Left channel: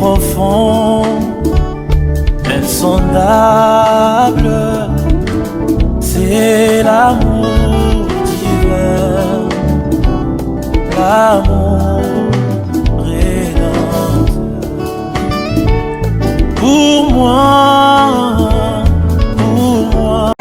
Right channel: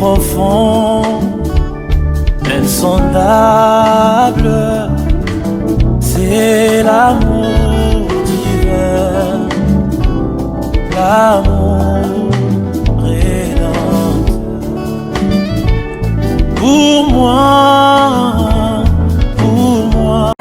profond, insondable, c'est l'amour divin, l'amour rédempteur. Pour moi, pour moi.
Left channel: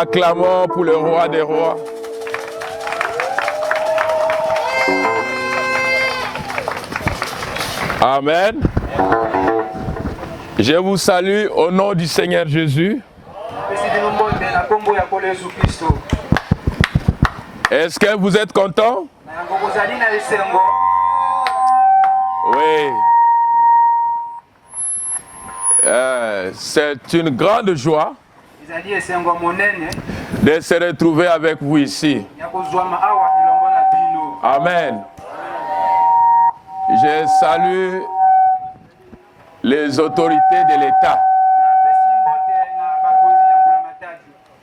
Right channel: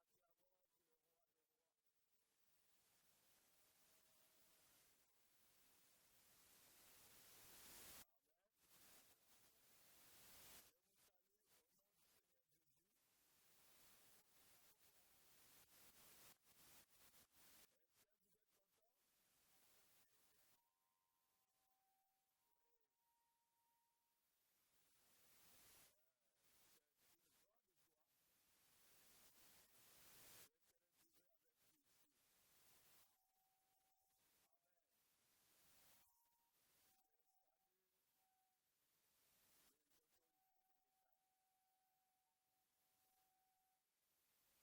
Acclamons pour le roi des rois. Amen. Je vous salue au nom du Seigneur Jésus. Est-ce que vous êtes content? Oui. C'est une grande joie de se retrouver avec vous ici. Amen. Je salue les autorités de l'État.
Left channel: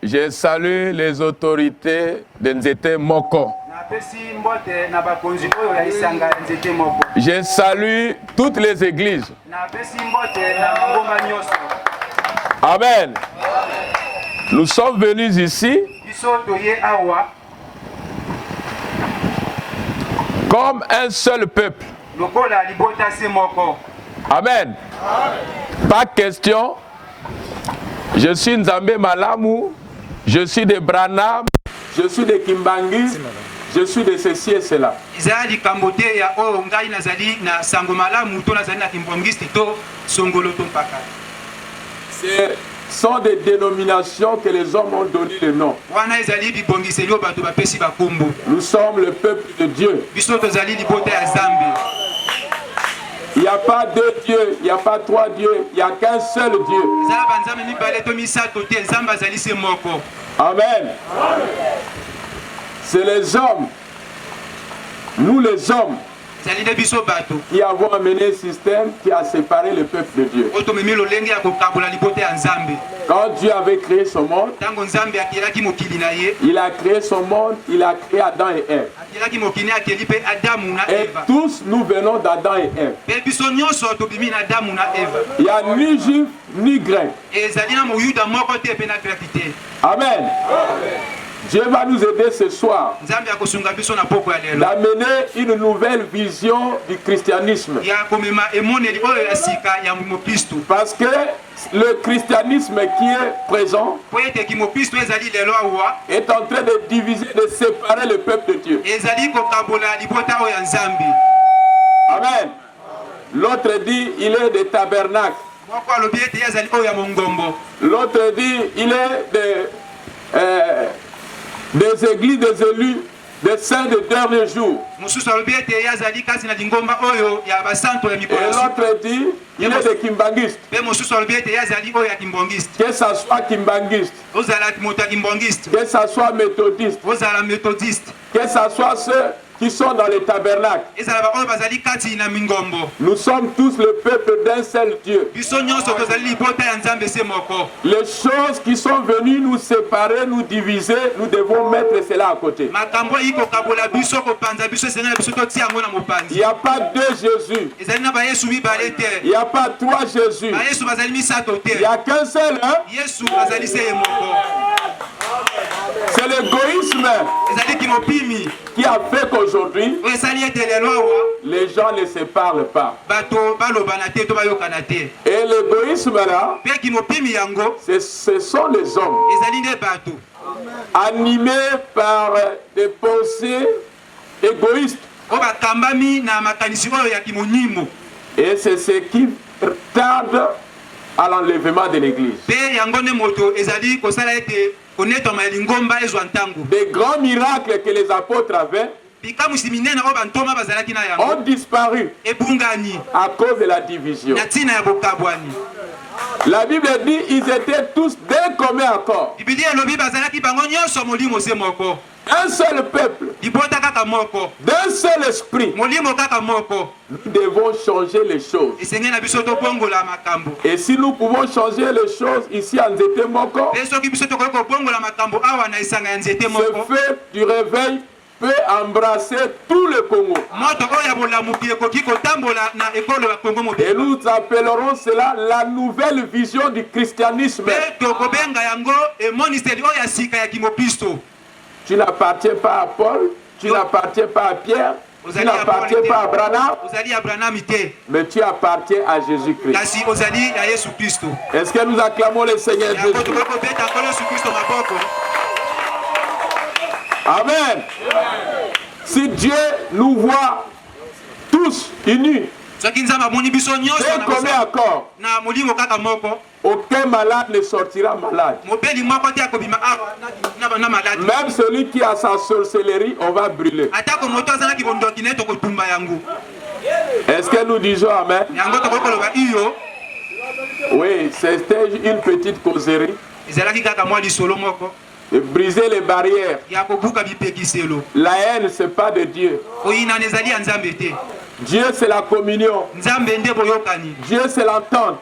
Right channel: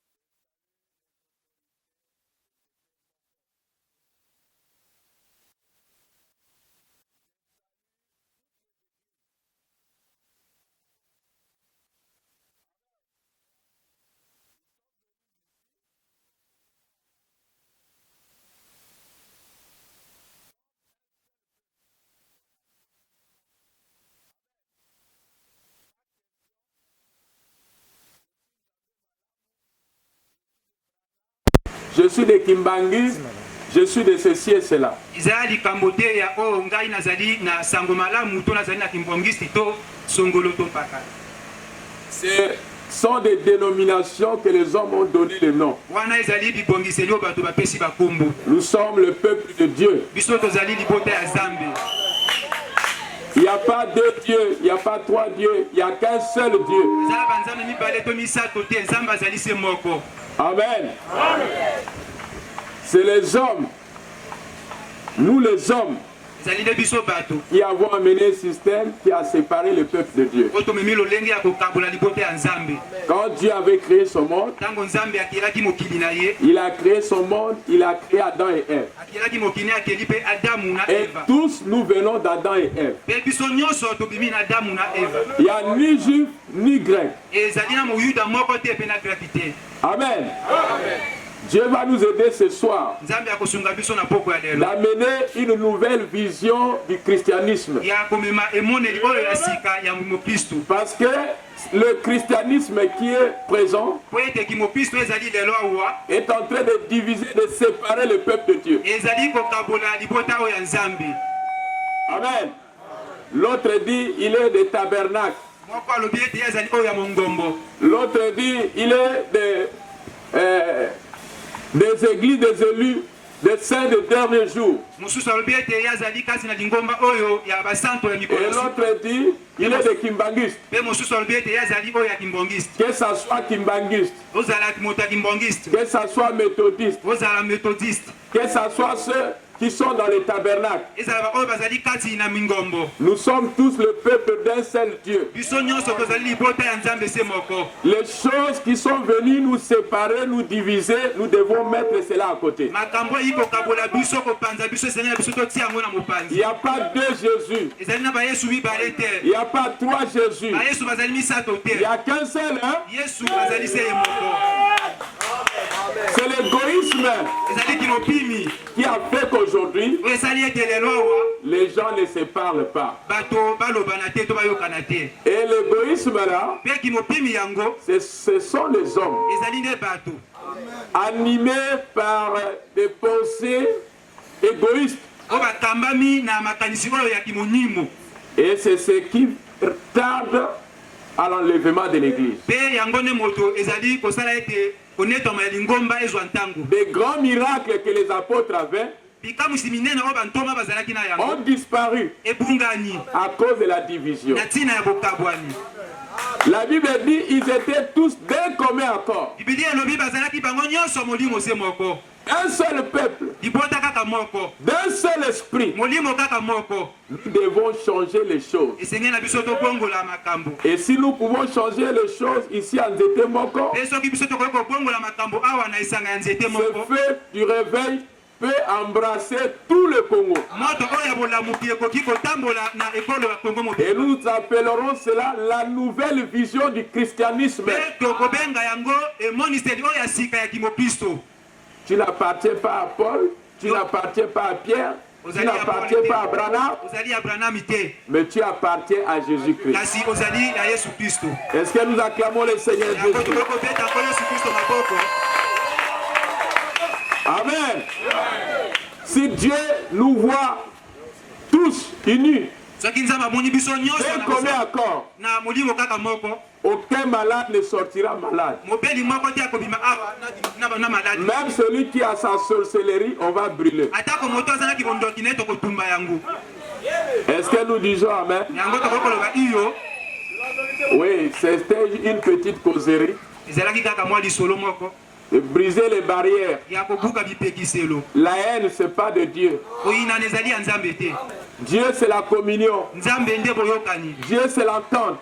Je salue les autorités de Nzete Moko. Je salue toutes les églises. Amen. Nous sommes venus ici comme un seul peuple. Amen. Pas question. Je suis Nzambe Malamu, je suis de Branham, je suis de Kimbangi, je suis de ceci et cela. Ce sont des dénominations que les hommes ont donné le nom. Nous sommes le peuple de Dieu. Il n'y a pas deux dieux, il n'y a pas trois dieux, il n'y a qu'un seul Dieu. Amen. C'est les hommes, nous les hommes, qui avons amené un système qui a séparé le peuple de Dieu. Quand Dieu avait créé son monde, il a créé son monde, il a créé Adam et Ève. Et tous nous venons d'Adam et Ève. Il n'y a ni juif ni grec. Amen. Dieu va nous aider ce soir d'amener une nouvelle vision du christianisme. Parce que le christianisme qui est présent est en train de diviser, de séparer le peuple de Dieu. Amen. L'autre dit il est des tabernacles. L'autre dit il est des églises, des élus, des saints de dernier jour. Et l'autre dit, il est des kimbangistes. Que ça soit kimbangiste, que ça soit méthodiste, que ça soit ceux qui sont dans les tabernacles. Nous sommes tous le peuple d'un seul Dieu. Les choses qui sont venues nous séparer, nous diviser, nous devons mettre cela à côté. Il n'y a pas deux Jésus. Il n'y a pas trois Jésus. Il n'y a qu'un seul. Hein? C'est C'est l'égoïsme qui a fait qu'aujourd'hui, les gens ne se parlent pas. Et l'égoïsme là, ce sont les hommes animés par des pensées égoïstes. Et c'est ce qui tarde à l'enlèvement de l'église. Des grands miracles que les apôtres avaient ont disparu à cause de la division. La Bible dit qu'ils étaient tous d'un commun accord. Un seul peuple, d'un seul esprit. Nous devons changer les choses. Et si nous pouvons changer les choses ici en Nzete Moko, ce feu du réveil peut embrasser tout le Congo. Et nous appellerons cela la nouvelle vision du christianisme. Tu n'appartiens pas à Paul, tu n'appartiens pas à Pierre, tu n'appartiens pas à Branham, mais tu appartiens à Jésus-Christ. Est-ce que nous acclamons le Seigneur Jésus? Amen. Si Dieu nous voit tous unis, d'un commun accord, aucun malade ne sortira malade. Même celui qui a sa sorcellerie, on va brûler. Est-ce que nous disons Amen? Oui, c'était une petite causerie. Et briser les barrières. La haine, ce n'est pas de Dieu. Dieu, c'est la communion. Dieu, c'est l'entente.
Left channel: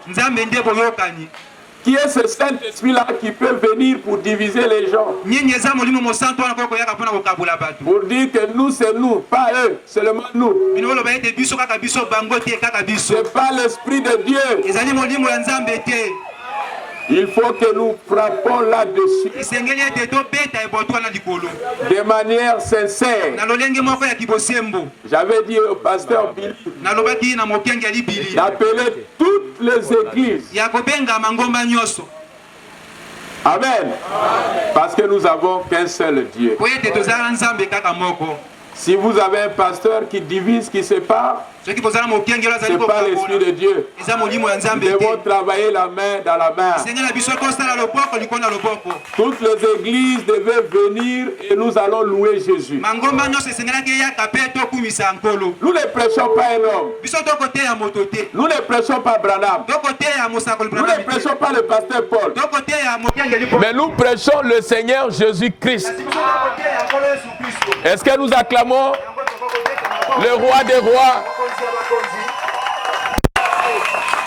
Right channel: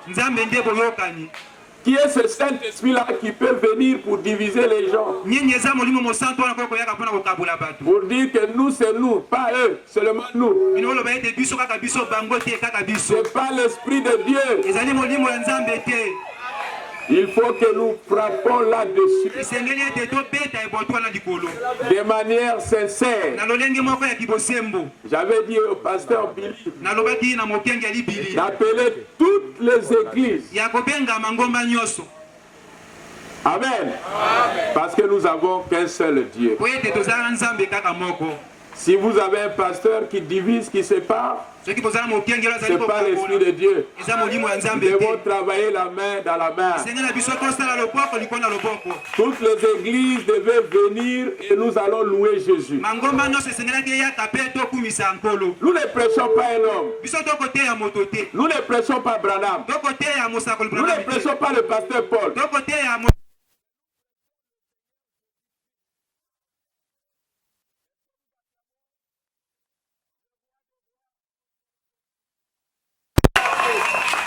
Qui est ce Saint-Esprit-là qui peut venir pour diviser les gens? Pour dire que nous, c'est nous, pas eux, seulement nous. Ce n'est pas l'Esprit de Dieu. Il faut que nous frappons là-dessus de manière sincère. J'avais dit au pasteur Billy d'appeler toutes les églises. Amen. Parce que nous n'avons qu'un seul Dieu. Si vous avez un pasteur qui divise, qui sépare, ce n'est pas l'Esprit de Dieu. Nous devons travailler la main dans la main. Toutes les églises devaient venir et nous allons louer Jésus. Nous ne prêchons pas un homme. Nous ne prêchons pas Branham. Nous ne prêchons pas le pasteur Paul. Mais nous prêchons le Seigneur Jésus-Christ. Est-ce que nous acclamons le roi des rois?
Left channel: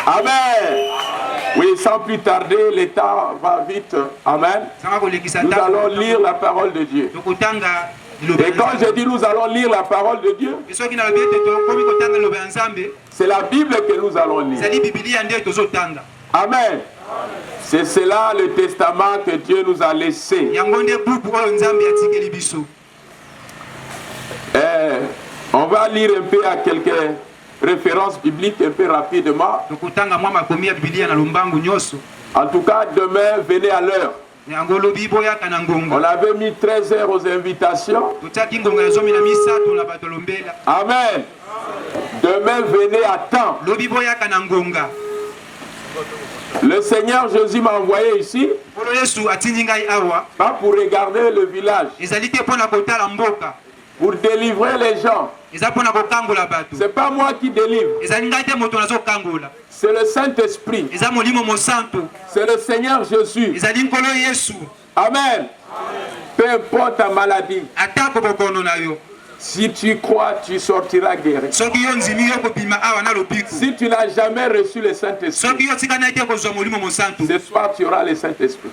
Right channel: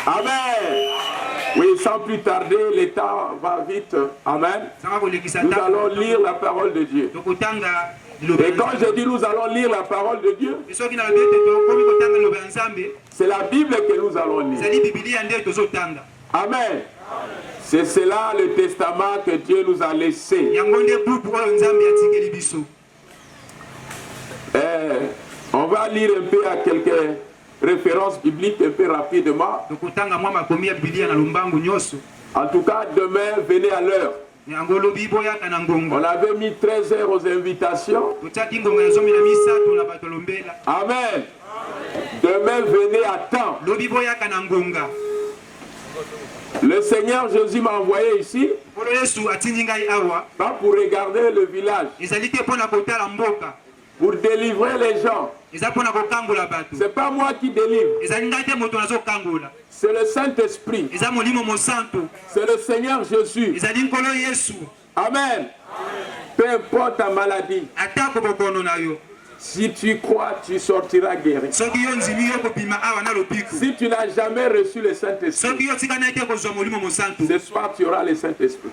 Amen. Oui, sans plus tarder, le temps va vite. Amen. Nous allons lire la parole de Dieu. Et quand je dis nous allons lire la parole de Dieu, c'est la Bible que nous allons lire. Amen. C'est cela le testament que Dieu nous a laissé. On va lire un peu à quelques références bibliques un peu rapidement. En tout cas, demain, venez à l'heure. On avait mis 13 heures aux invitations. Amen. Demain, venez à temps. Le Seigneur Jésus m'a envoyé ici, pas pour regarder le village, pour délivrer les gens. Ce n'est pas moi qui délivre. C'est le Saint-Esprit. C'est le Seigneur Jésus. Amen. Peu importe ta maladie. Si tu crois, tu sortiras guéri. Si tu n'as jamais reçu le Saint-Esprit, ce soir tu auras le Saint-Esprit.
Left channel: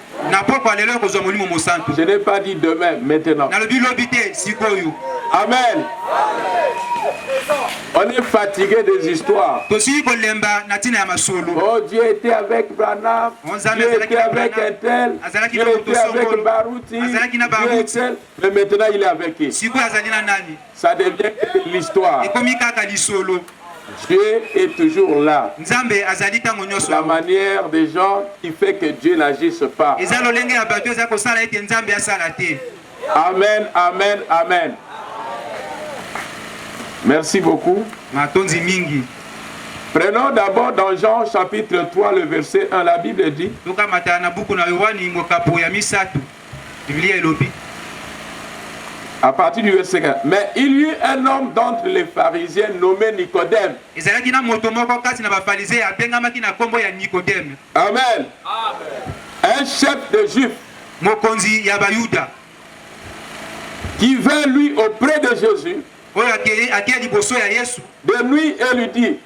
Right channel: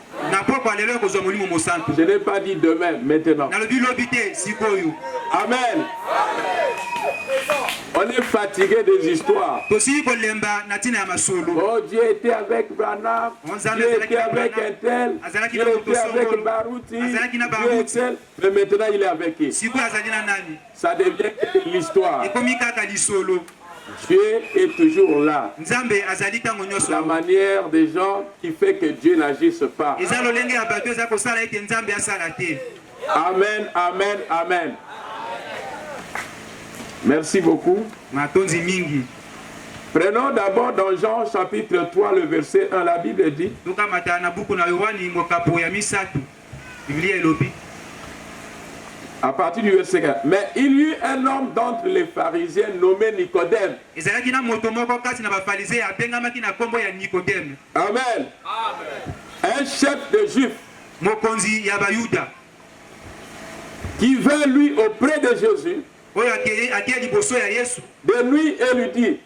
Je n'ai pas dit demain, maintenant. Amen. On est fatigué des histoires. Oh, Dieu était avec Branham, Dieu était avec un tel, Dieu était avec Barouti, Dieu était... Mais maintenant il est avec qui? Ça devient que l'histoire. Dieu est toujours là. La manière des gens qui fait que Dieu n'agisse pas. Amen, amen, amen. Merci beaucoup. Prenons d'abord dans Jean chapitre 3 le verset 1. La Bible dit: à partir du verset 4. Mais il y eut un homme d'entre les pharisiens nommé Nicodème. Amen. Un chef de juifs qui vint lui auprès de Jésus de nuit et lui dit,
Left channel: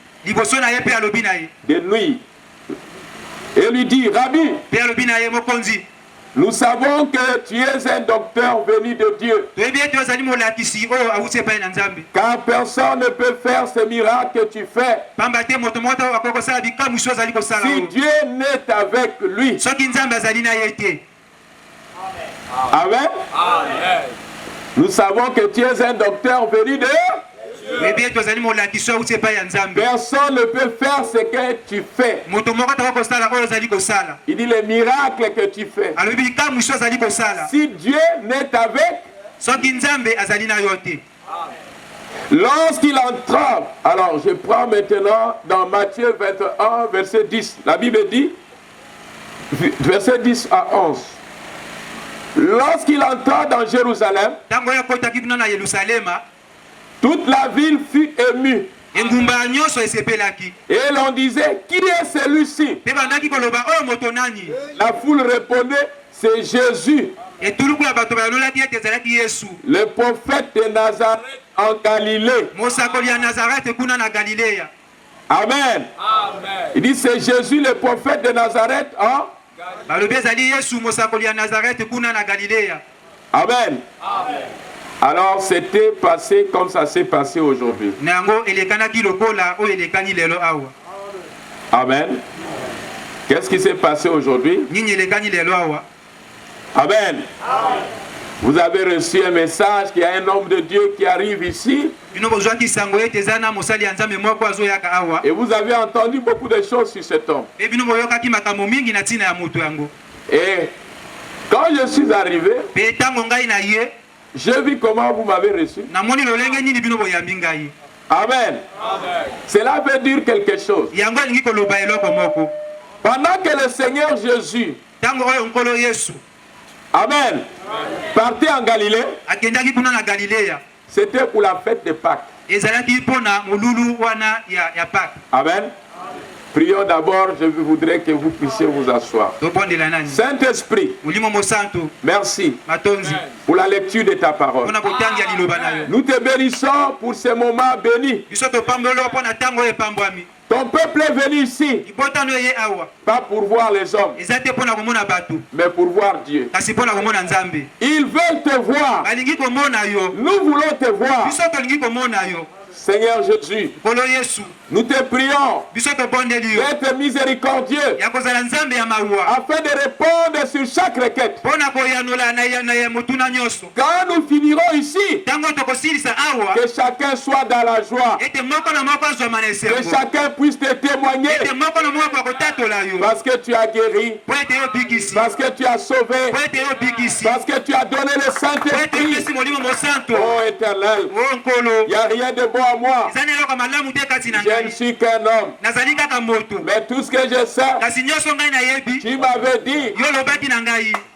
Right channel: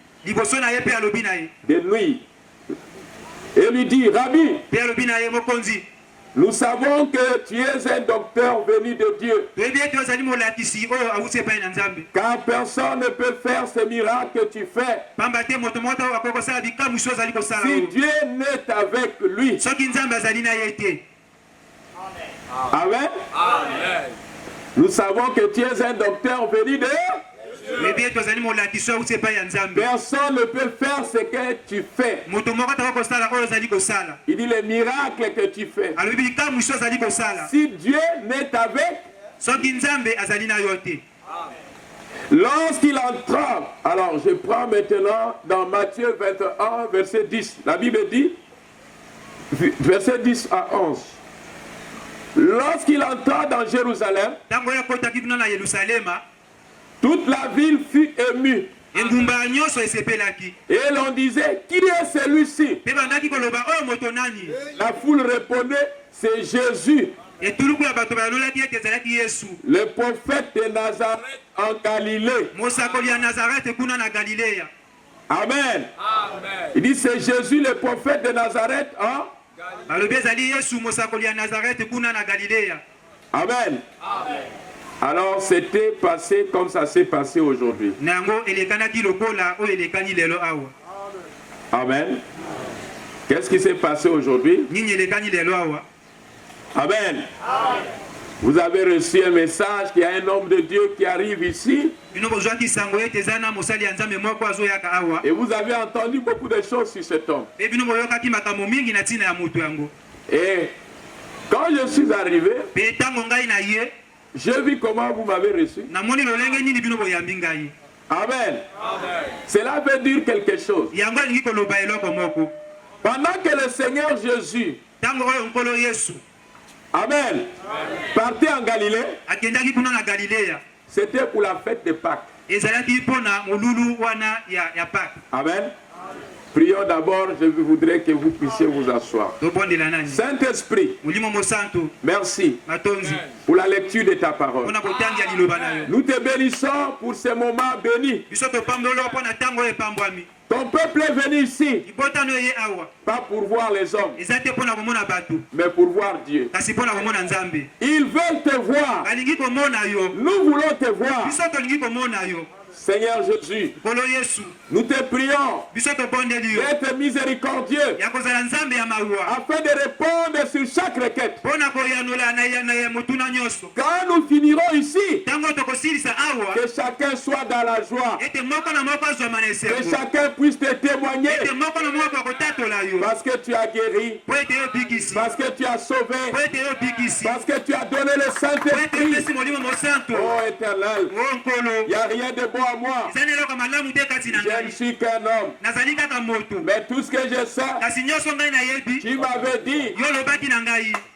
de nuit, et lui dit: Rabbi, nous savons que tu es un docteur venu de Dieu, car personne ne peut faire ces miracles que tu fais si Dieu n'est avec lui. Amen. Amen. Nous savons que tu es un docteur venu de Dieu. Personne ne peut faire ce que tu fais. Il dit les miracles que tu fais. Si Dieu n'est avec, lorsqu'il entra, alors je prends maintenant dans Matthieu 21, verset 10. La Bible dit, verset 10 à 11. Lorsqu'il entra dans Jérusalem, toute la ville fut émue. Et l'on disait: qui est celui-ci? La foule répondait: c'est Jésus, le prophète de Nazareth en Galilée. Amen. Amen. Il dit: c'est Jésus, le prophète de Nazareth en Amen. Amen. Alors c'était passé comme ça s'est passé aujourd'hui. Amen. Qu'est-ce qui s'est passé aujourd'hui? Amen. Vous avez reçu un message qu'il y a un homme de Dieu qui arrive ici. Et vous avez entendu beaucoup de choses sur cet homme. Et quand je suis arrivé, j'ai vu comment vous m'avez reçu. Amen. Cela veut dire quelque chose. Pendant que le Seigneur Jésus, amen, partait en Galilée, c'était pour la fête de Pâques. Amen. Prions d'abord, je voudrais que vous puissiez vous asseoir. Saint-Esprit, merci pour la lecture de ta parole. Nous te bénissons pour ce moment béni. Ton peuple est venu ici, pas pour voir les hommes, mais pour voir Dieu. Ils veulent te voir. Nous voulons te voir. Seigneur Jésus, nous te prions d'être miséricordieux afin de répondre sur chaque requête. Quand nous finirons ici, que chacun soit dans la joie, que chacun puisse te témoigner, parce que tu as guéri, parce que tu as sauvé, parce que tu as donné le Saint-Esprit. Oh Éternel, il n'y a rien de bon à moi. Je ne suis qu'un homme. Mais tout ce que je sais, tu m'avais dit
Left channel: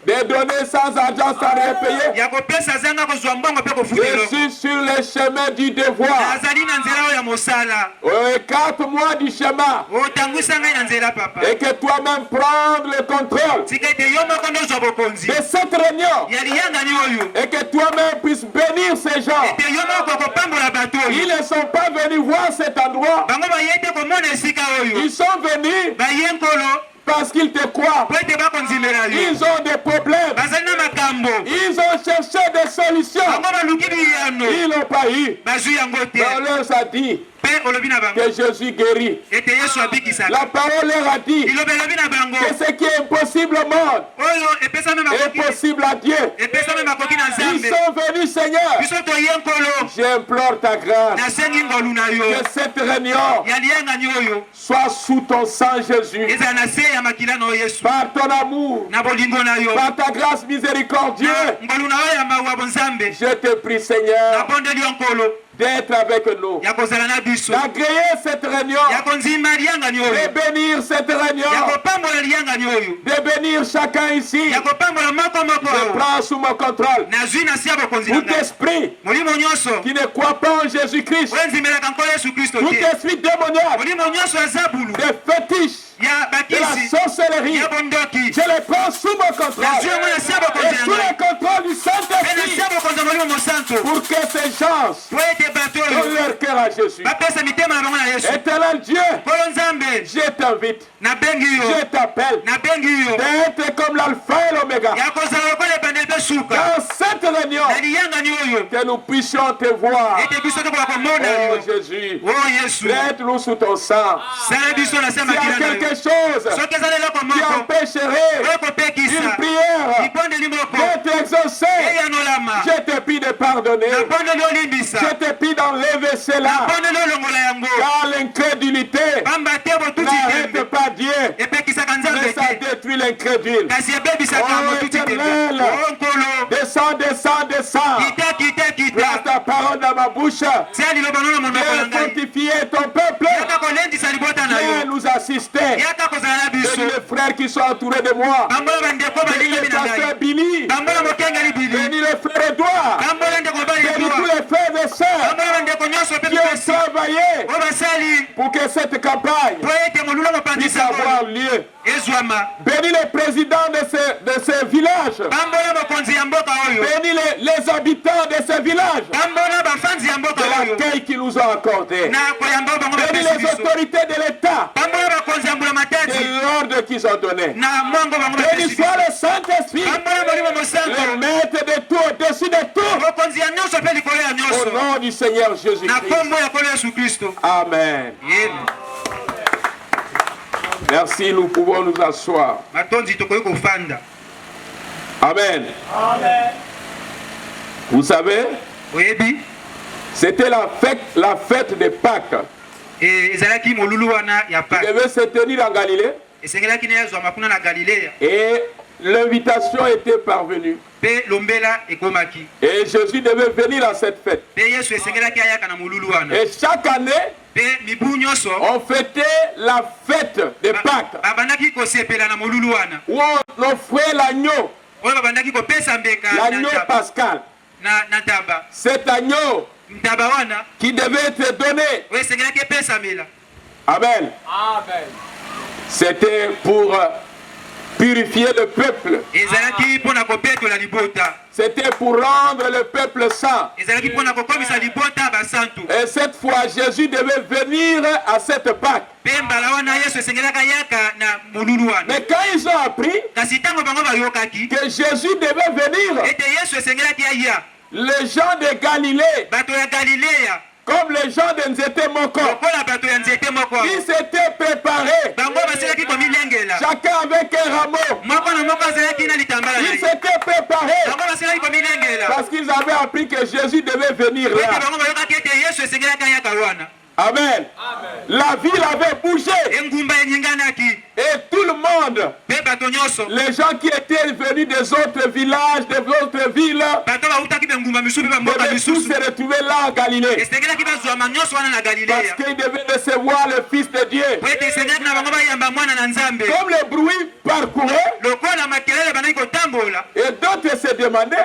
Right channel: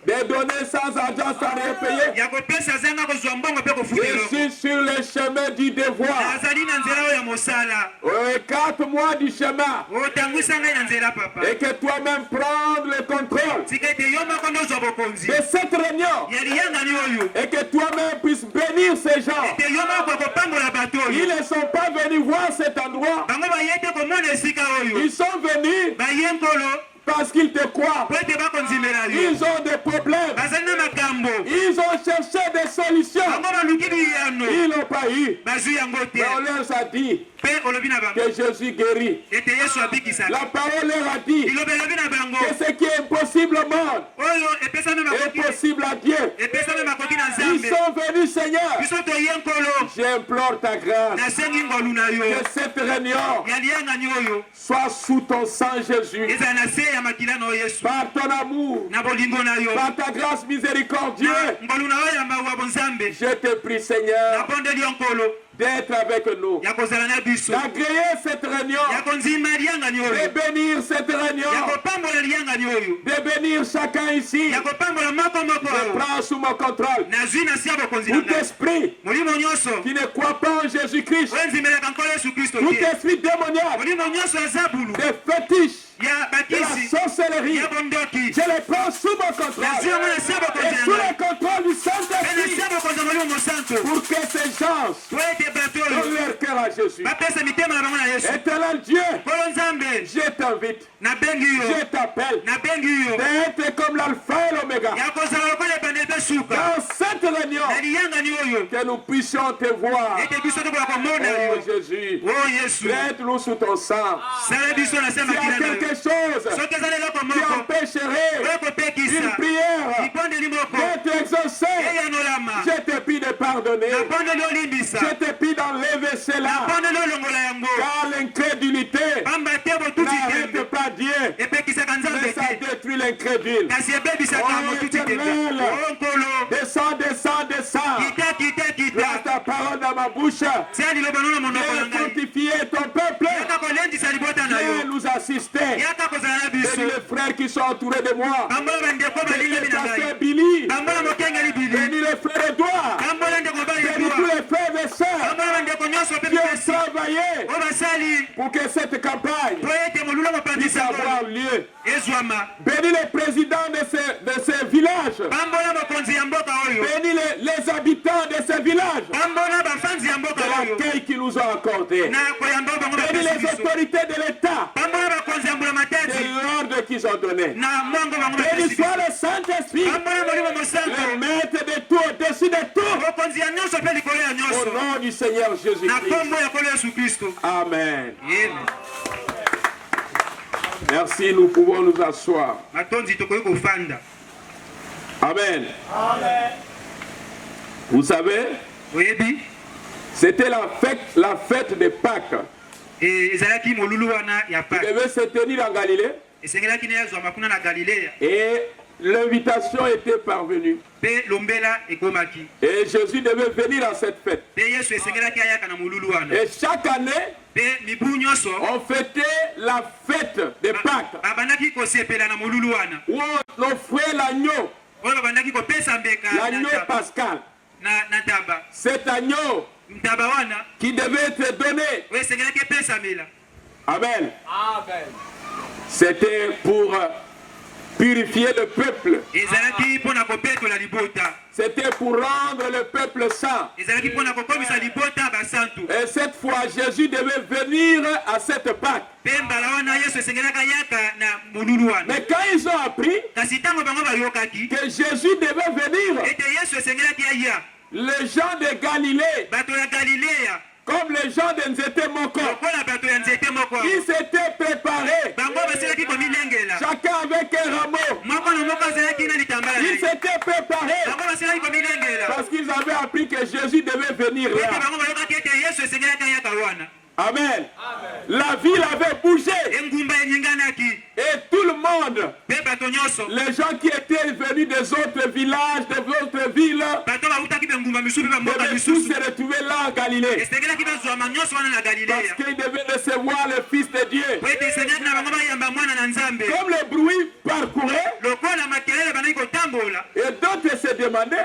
de donner sans argent, sans rien payer. Je suis sur le chemin du devoir. 4 mois du chemin. Et que toi-même prendre le contrôle de cette réunion. Et que toi-même puisses bénir ces gens. Ils ne sont pas venus voir cet endroit. Ils sont venus parce qu'ils te croient. Ils ont des problèmes. Ils ont cherché des solutions. Ils n'ont pas eu. Mais on leur a dit que Jésus guérit. La parole leur a dit que ce qui est impossible au monde est possible à Dieu. Ils sont venus, Seigneur. J'implore ta grâce que cette réunion soit sous ton sang, Jésus. Par ton amour, par ta grâce miséricordieuse, je te prie, Seigneur, d'être avec nous, d'agréer cette réunion, de bénir cette réunion, de bénir chacun ici. Je prends sous mon contrôle tout esprit qui ne croit pas en Jésus-Christ, tout esprit démoniaque, des fétiches, de la sorcellerie, je les prends sous mon contrôle et sous le contrôle du Saint-Esprit pour que ces gens donnent leur cœur à Jésus. Éternel Dieu, je t'invite, je t'appelle d'être comme l'alpha et l'oméga dans cette réunion, que nous puissions te voir. Oh Jésus, aide-nous sous ton sang. S'il y a quelque chose qui empêcherait une prière d'être exaucée, je te prie de pardonner. Je te prie d'enlever cela. Car l'incrédulité n'arrête pas Dieu, mais ça détruit l'incrédule. Oh Éternel, descends, descends, descends. Place ta parole dans ma bouche. Viens fortifier ton peuple. Viens nous assister. Bénis les frères qui sont entourés de moi. Bénis le pasteur Billy. Bénis le frère Edouard. Bénis tous les frères et sœurs qui ont travaillé pour que cette campagne puisse avoir lieu. Bénis les présidents de ces villages. Bénis les habitants de ces villages. De l'accueil qu'ils nous ont accordé. Bénis les autorités de l'État. De l'ordre qu'ils ont donné. Bénis soit le Saint-Esprit, le maître de tout, au-dessus de tout. Au nom du Seigneur Jésus-Christ. Amen. Merci, nous pouvons nous asseoir. Amen. Vous savez, c'était la fête de Pâques. Qui devait se tenir en Galilée. Et l'invitation était parvenue. Et Jésus devait venir à cette fête. Et chaque année, on fêtait la fête de Pâques, où on offrait l'agneau pascal. Cet agneau qui devait être donné. Amen. C'était pour purifier le peuple. C'était pour rendre le peuple saint. Et cette fois, Jésus devait venir à cette Pâque. Mais quand ils ont appris que Jésus devait venir, les gens de Galilée, comme les gens de Nzetemoko, ils s'étaient préparés. Chacun avec un rameau. Ils s'étaient préparés parce qu'ils avaient appris que Jésus devait venir là. Amen. La ville avait bougé. Et tout le monde, les gens qui étaient venus des autres villages, des autres villes, devaient tous se retrouver là en Galilée. Parce qu'ils devaient recevoir le Fils de Dieu. Comme le bruit parcourait, demander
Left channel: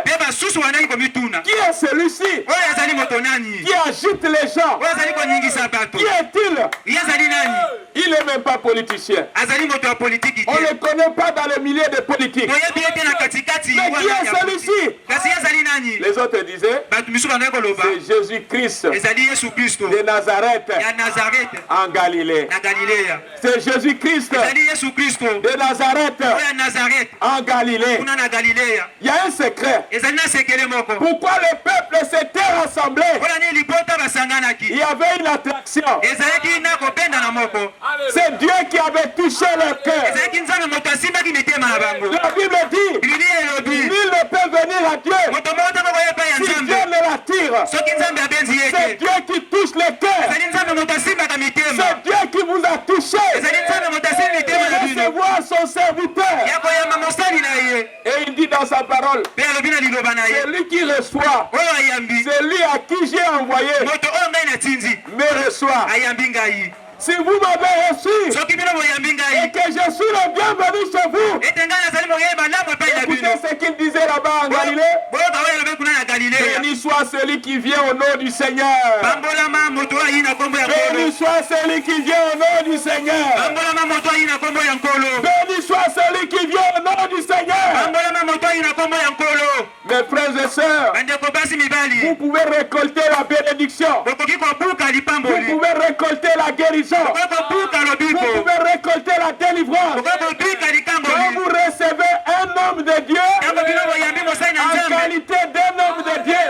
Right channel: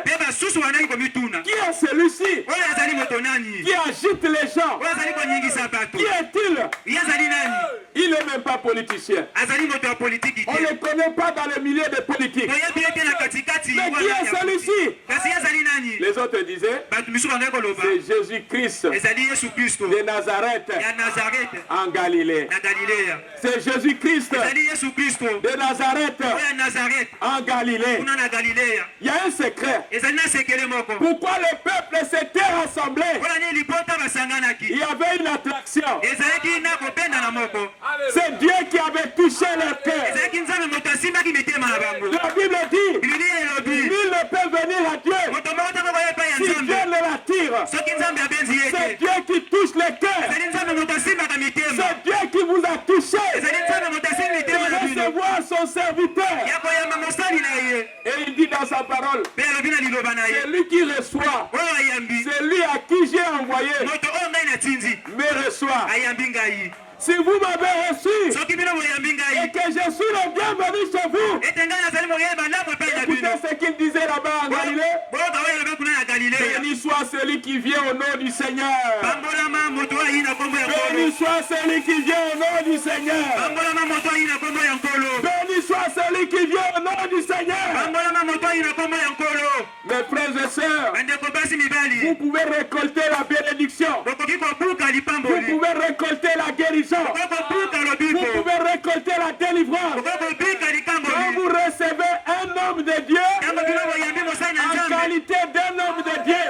qui est celui-ci qui agite les gens? Qui est-il? Il n'est même pas politicien. On ne le connaît pas dans le milieu des politiques. Mais qui est celui-ci? Les autres disaient, c'est Jésus-Christ de Nazareth en Galilée. C'est Jésus-Christ de Nazareth en Galilée. Il y a un secret. Pourquoi le peuple s'était rassemblé? Il y avait une attraction. C'est Dieu qui avait touché leur cœur. La Bible dit, nul ne peut venir à Dieu si Dieu ne l'attire. C'est Dieu qui touche les cœurs. C'est Dieu qui vous a touché de recevoir son serviteur. Et il dit dans sa parole, c'est lui qui reçoit, c'est lui à qui j'ai envoyé, me reçoit. Si vous m'avez reçu et que je suis le bienvenu chez vous, écoutez ce qu'il disait là-bas en Galilée. Béni soit celui qui vient au nom du Seigneur. Béni soit celui qui vient au nom du Seigneur. Béni soit celui qui vient au nom du Seigneur. Mes frères et sœurs, vous pouvez récolter la bénédiction. Vous pouvez récolter la guérison. Vous pouvez récolter la délivrance. Quand vous recevez un homme de Dieu en qualité d'un homme de Dieu.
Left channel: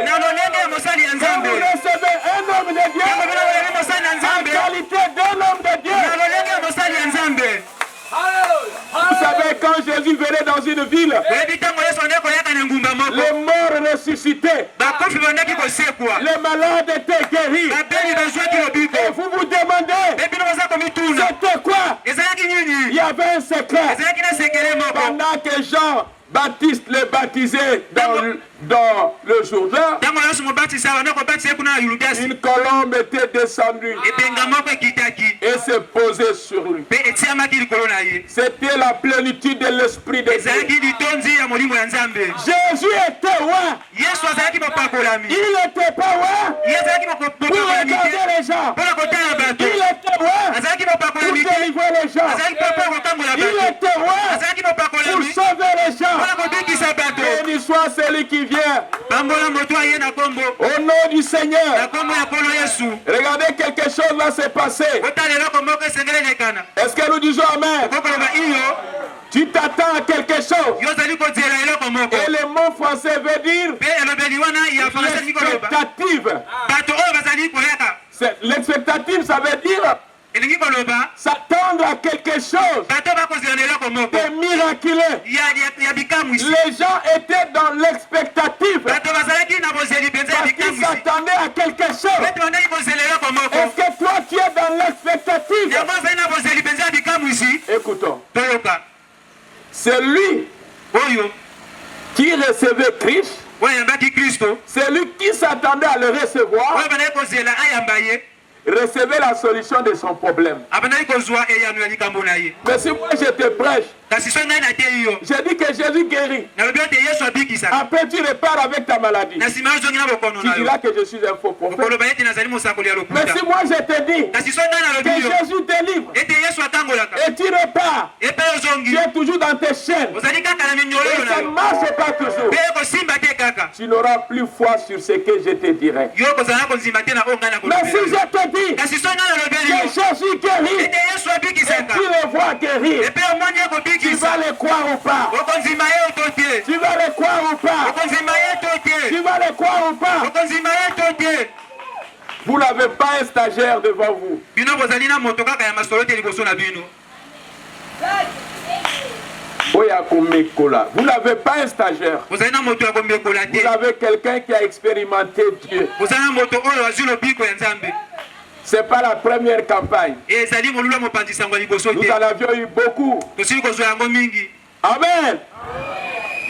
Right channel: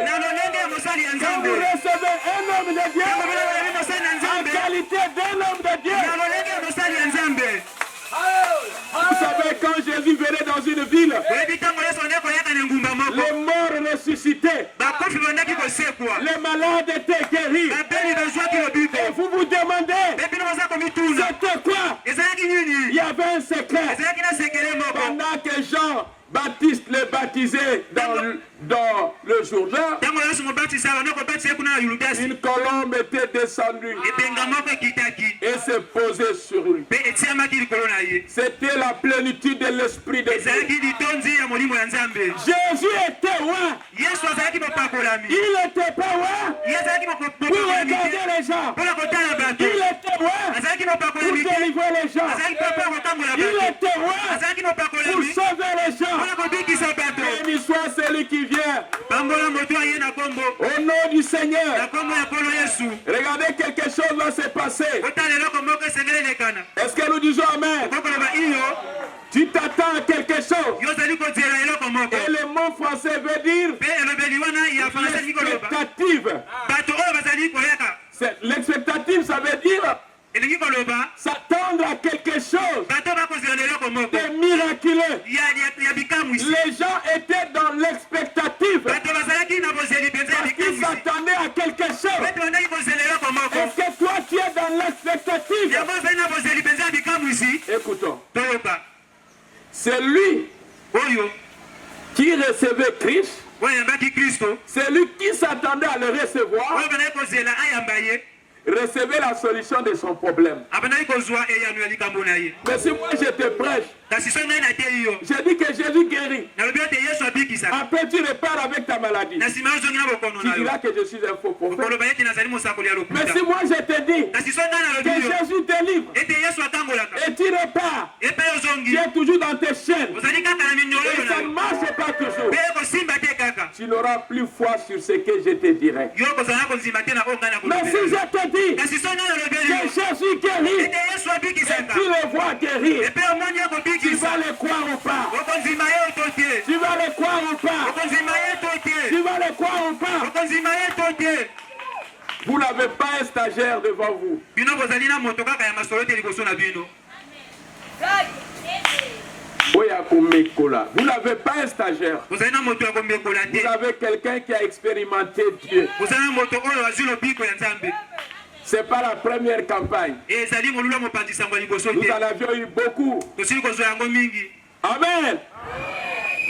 Quand vous recevez un homme de Dieu en qualité d'un homme de Dieu. Vous savez, quand Jésus venait dans une ville, les morts ressuscitaient, les malades étaient guéris. Et vous vous demandez, c'était quoi? Il y avait un secret. Pendant que Jean-Baptiste les baptisait dans le Jourdain, une colombe était descendue et s'est posée sur lui. C'était la plénitude de l'Esprit de Dieu. Jésus était roi. Il n'était pas roi pour regarder les gens. Il était roi pour délivrer les gens. Il était roi pour sauver les gens. Béni soit celui qui vient au nom du Seigneur. Regardez, quelque chose va se passer. Est-ce que nous disons Amen? Tu t'attends à quelque chose. Et le mot français veut dire l'expectative. L'expectative, ça veut dire s'attendre à quelque chose de miraculeux. Les gens étaient dans l'expectative parce qu'ils s'attendaient à quelque chose. Est-ce que toi tu es dans l'expectative? Écoutons. C'est lui qui recevait Christ. C'est lui qui s'attendait à le recevoir. Recevez la solution de son problème. Mais si moi je te prêche, j'ai dit que Jésus guérit. Après tu repars avec ta maladie. Tu diras que je suis un faux prophète. Mais si moi je te dis que Jésus délivre et tu repars, tu es toujours dans tes chaînes et ça ne marche pas toujours, tu n'auras plus foi sur ce que je te dirai. Mais si je te dis que Jésus guérit et tu le vois guérir, tu vas le croire ou pas? Tu vas le croire ou pas? Tu vas le croire ou pas? Vous n'avez pas un stagiaire devant vous. Vous n'avez pas un stagiaire. Vous avez quelqu'un qui a expérimenté Dieu. Ce n'est pas la première campagne. Nous en avions eu beaucoup. Amen.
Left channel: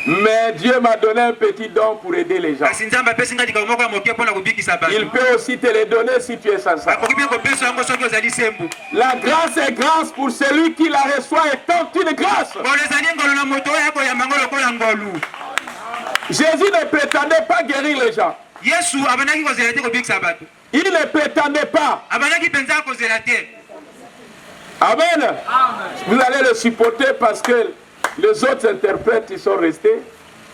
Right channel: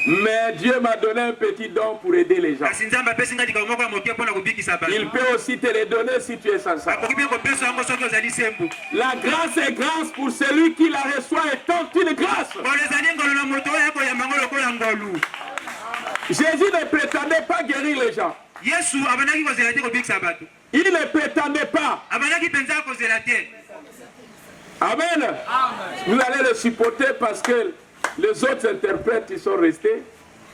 Mais Dieu m'a donné un petit don pour aider les gens. Il peut aussi te le donner si tu es sincère. La grâce est grâce pour celui qui la reçoit étant une grâce. Jésus ne prétendait pas guérir les gens. Il ne prétendait pas. Amen. Vous allez le supporter parce que les autres interprètes ils sont restés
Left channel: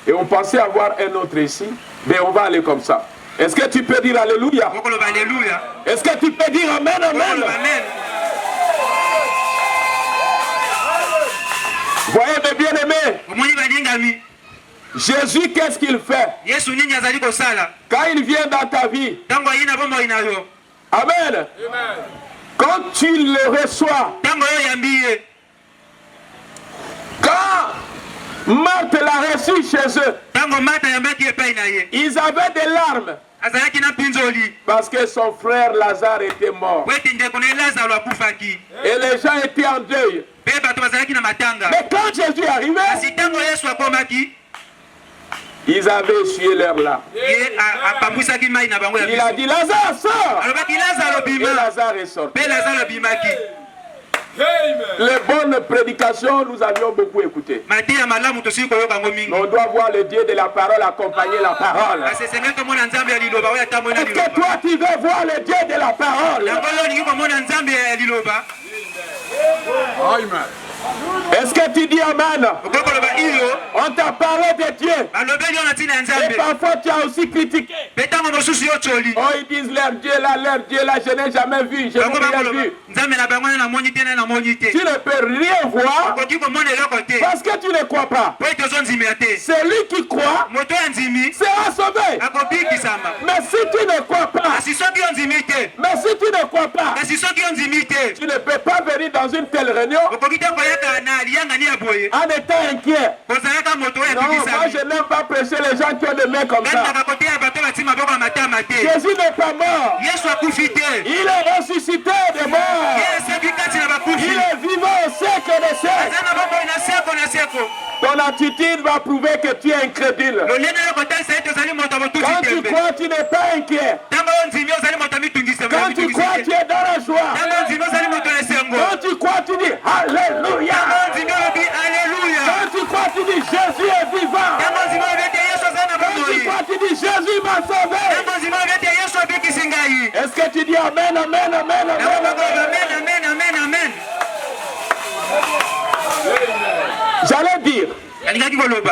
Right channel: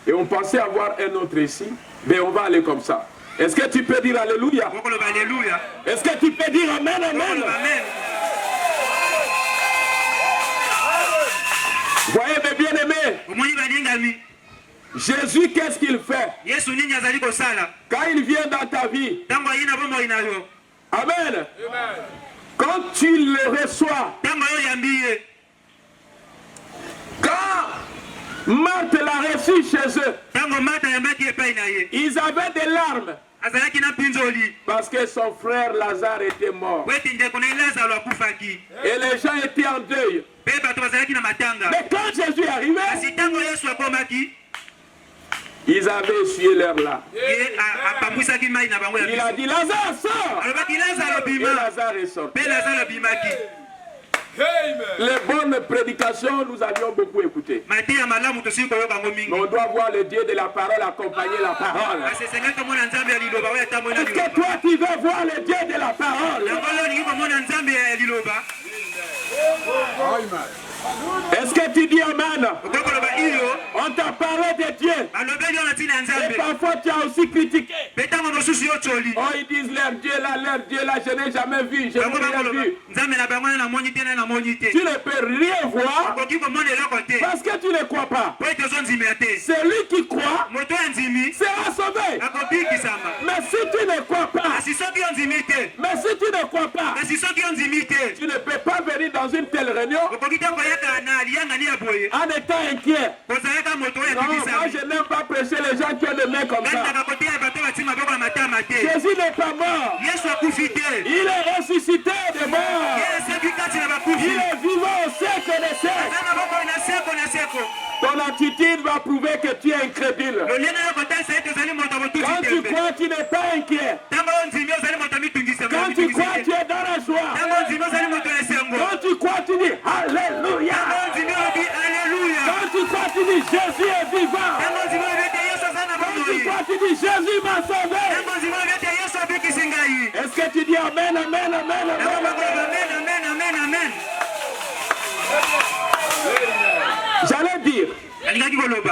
et on pensait avoir un autre ici, mais on va aller comme ça. Est-ce que tu peux dire alléluia? Est-ce que tu peux dire amen, amen? Voyez mes bien-aimés, Jésus, qu'est-ce qu'il fait? Quand il vient dans ta vie, amen. Quand tu le reçois, quand Marthe l'a reçu chez eux, ils avaient des larmes parce que son frère Lazare était mort. Et les gens étaient en deuil. Mais quand Jésus est arrivé, ils avaient essuyé leurs larmes. Il a dit Lazare sort. Et Lazare est sorti. Les bonnes prédications, nous avions beaucoup écouté. Mais on doit voir le Dieu de la parole accompagner la parole. Est-ce que toi tu veux voir le Dieu de la parole? Est-ce que tu dis amen? On t'a parlé de Dieu. Et parfois tu as aussi critiqué. Oh, ils disent leur Dieu là, je n'ai jamais vu, je n'ai rien vu. Tu ne peux rien voir parce que tu ne crois pas. Celui qui croit sera sauvé. Mais si tu ne crois pas, tu ne peux pas venir dans une telle réunion en étant inquiet. Non, moi je n'aime pas prêcher les gens qui ont des mains comme ça. Jésus n'est pas mort. Il est ressuscité des morts. Il est vivant au siècle des siècles. Ton attitude va prouver que tu es incrédule. Quand tu crois, tu n'es pas inquiet. Quand tu crois, tu es dans la joie. Quand tu crois, tu dis Alléluia. Quand tu crois, tu dis Jésus est vivant. Quand tu crois, tu dis Jésus m'a sauvé. Est-ce que tu dis Amen, Amen, Amen, Amen, Amen. J'allais dire,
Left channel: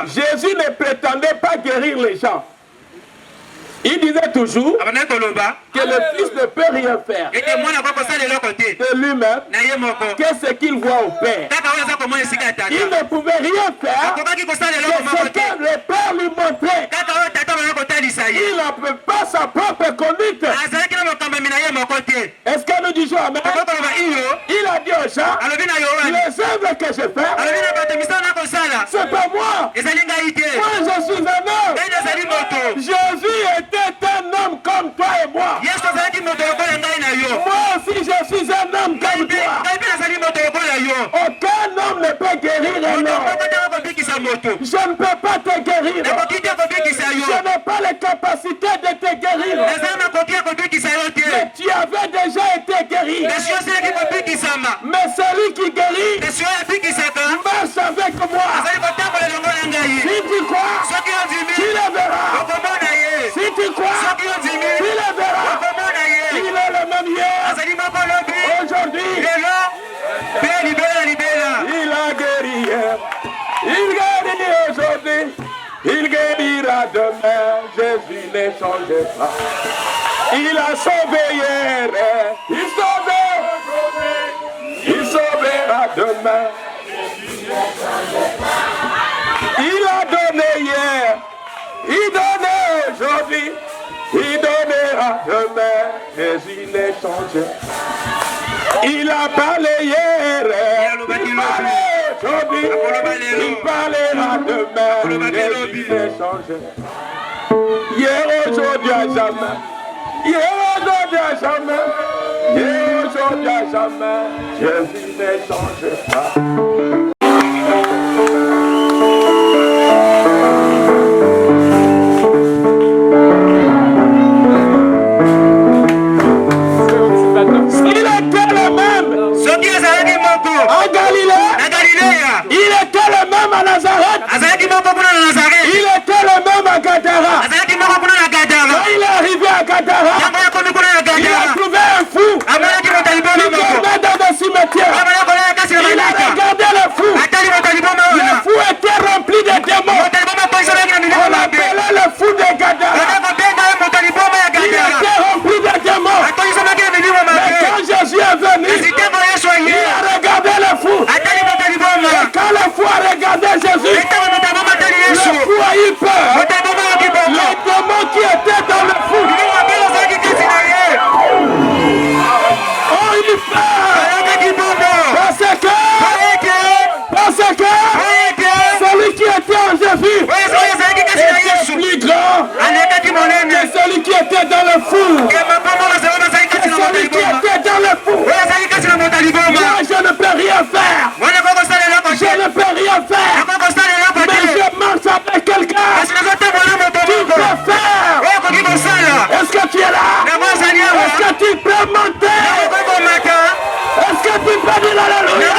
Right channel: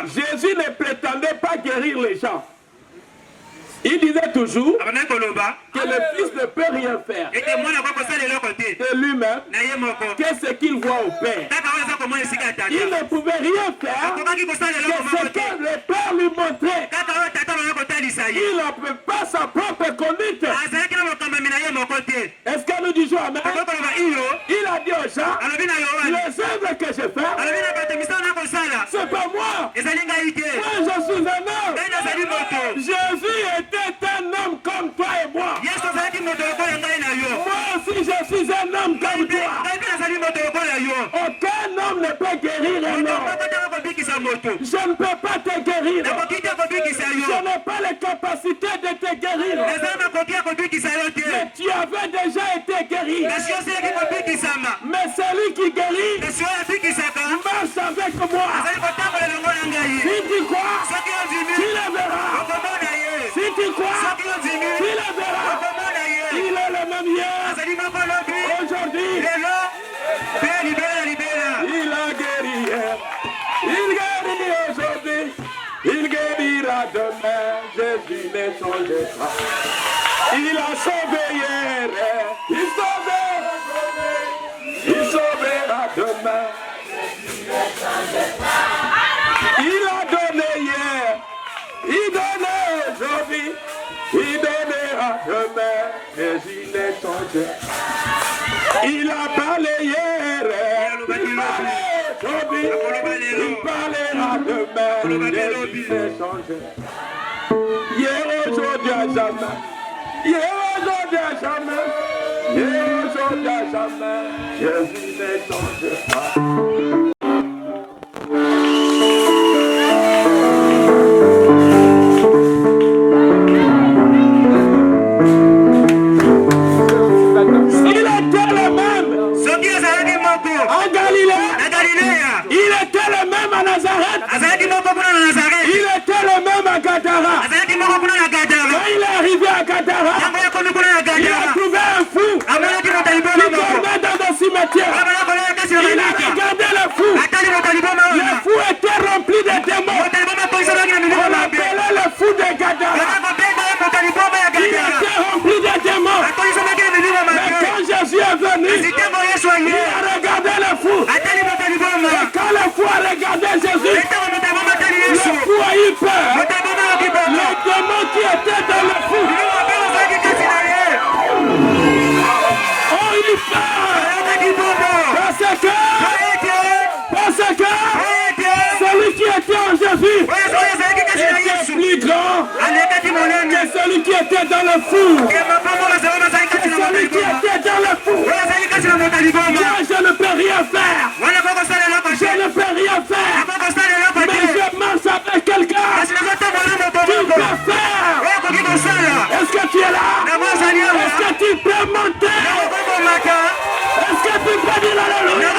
Jésus ne prétendait pas guérir les gens. Il disait toujours que le Fils ne peut rien faire de lui-même, qu'est-ce qu'il voit au Père. Il ne pouvait rien faire que ce que le Père lui montrait. Il n'en peut pas sa propre conduite. Est-ce que nous disons Amen? Il a dit aux gens, les œuvres que je fais, c'est pas moi. Moi je suis un homme. Jésus était un homme comme toi et moi. Moi aussi je suis un homme comme toi. Aucun homme ne peut guérir un homme. Je ne peux pas te guérir. Je n'ai pas les capacités de te guérir. Mais tu avais déjà été guéri. Mais celui qui guérit marche avec moi. Si tu crois, tu le verras. Si tu crois, tu le verras. Il est le même hier, aujourd'hui. Il a guéri hier. Il guérit aujourd'hui. Il guérira demain. Jésus ne change pas. Il a sauvé hier. Il sauvera demain. Il a donné hier. Il donnait aujourd'hui. Il donnera demain. Jésus ne change pas. Il a parlé hier. Il parlait aujourd'hui. Il parlera demain. Jésus ne change pas. Hier, aujourd'hui, à jamais. Hier, aujourd'hui, à jamais. Hier, aujourd'hui, à jamais. Jésus ne change pas. En Galilée, il était le même à Nazareth. Il était le même à Gadara, il a trouvé un fou qui dormait dans un cimetière. Il a regardé le fou. Le fou était rempli de démons. On l'appelait le fou de Gadara. Il était rempli de démons. Mais quand Jésus est venu, il a regardé le fou. Et quand le fou a regardé Jésus, le fou a eu peur. Les démons qui étaient dans le fou ont eu peur. Parce que celui qui était en Jésus était plus grand que celui qui était dans le fou. Que celui qui était dans le fou. Moi, je ne peux rien faire. Je ne peux rien faire. Mais je marche avec quelqu'un qui peut faire. Est-ce que tu es là? Est-ce que tu peux monter? Est-ce que tu peux dire alléluia?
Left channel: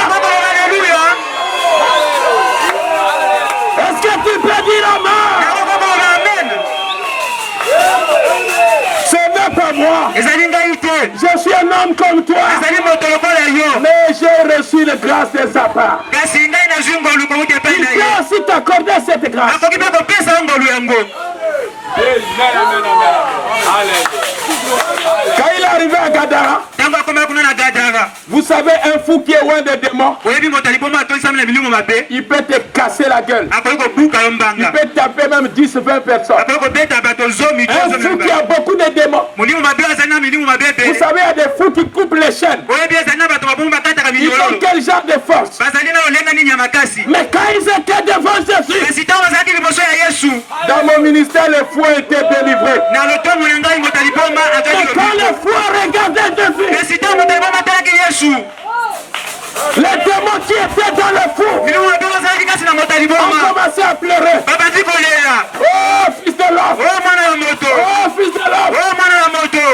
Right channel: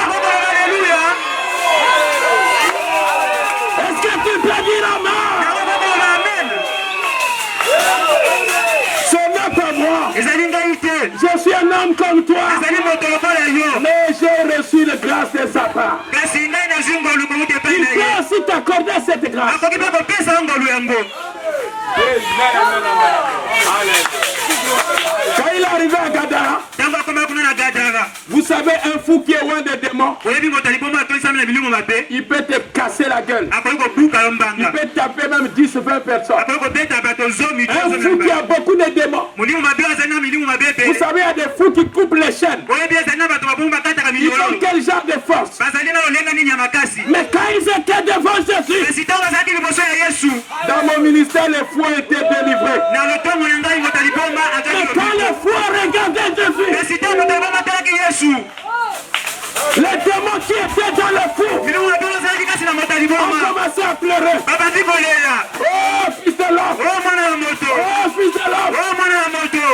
Est-ce que tu peux dire amen? Ce n'est pas moi. Je suis un homme comme toi. Mais j'ai reçu la grâce de sa part. Il peut aussi t'accorder cette grâce. Quand il est arrivé à Gadara, vous savez, un fou qui est loin des démons, il peut te casser la gueule. Il peut taper même 10-20 personnes. Un fou qui a beaucoup de démons. Vous savez, il y a des fous qui coupent les chaînes. Ils ont quel genre de force? Mais quand ils étaient devant Jésus, dans mon ministère, les fous étaient délivrés. Mais quand les fous regardaient Jésus, les démons qui étaient dans le fou ont commencé à pleurer. Oh fils de l'homme, oh fils de l'homme,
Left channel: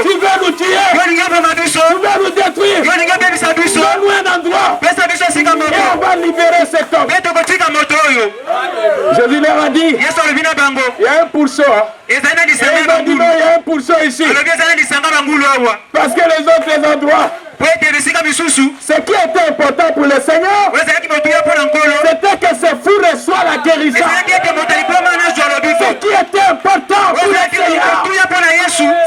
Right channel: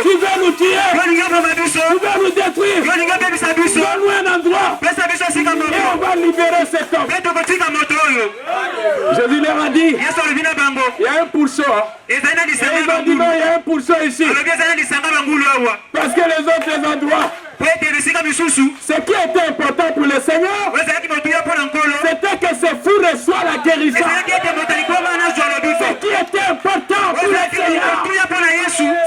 tu veux nous tuer, tu veux nous détruire, donne-nous un endroit et on va libérer cet homme. Jésus leur a dit, il y a un pourceau. Et ils ont dit non, il y a un pourceau ici. Parce que les autres endroits, ce qui était important pour le Seigneur, c'était que ces fous reçoivent la guérison. Ce qui était important pour le Seigneur,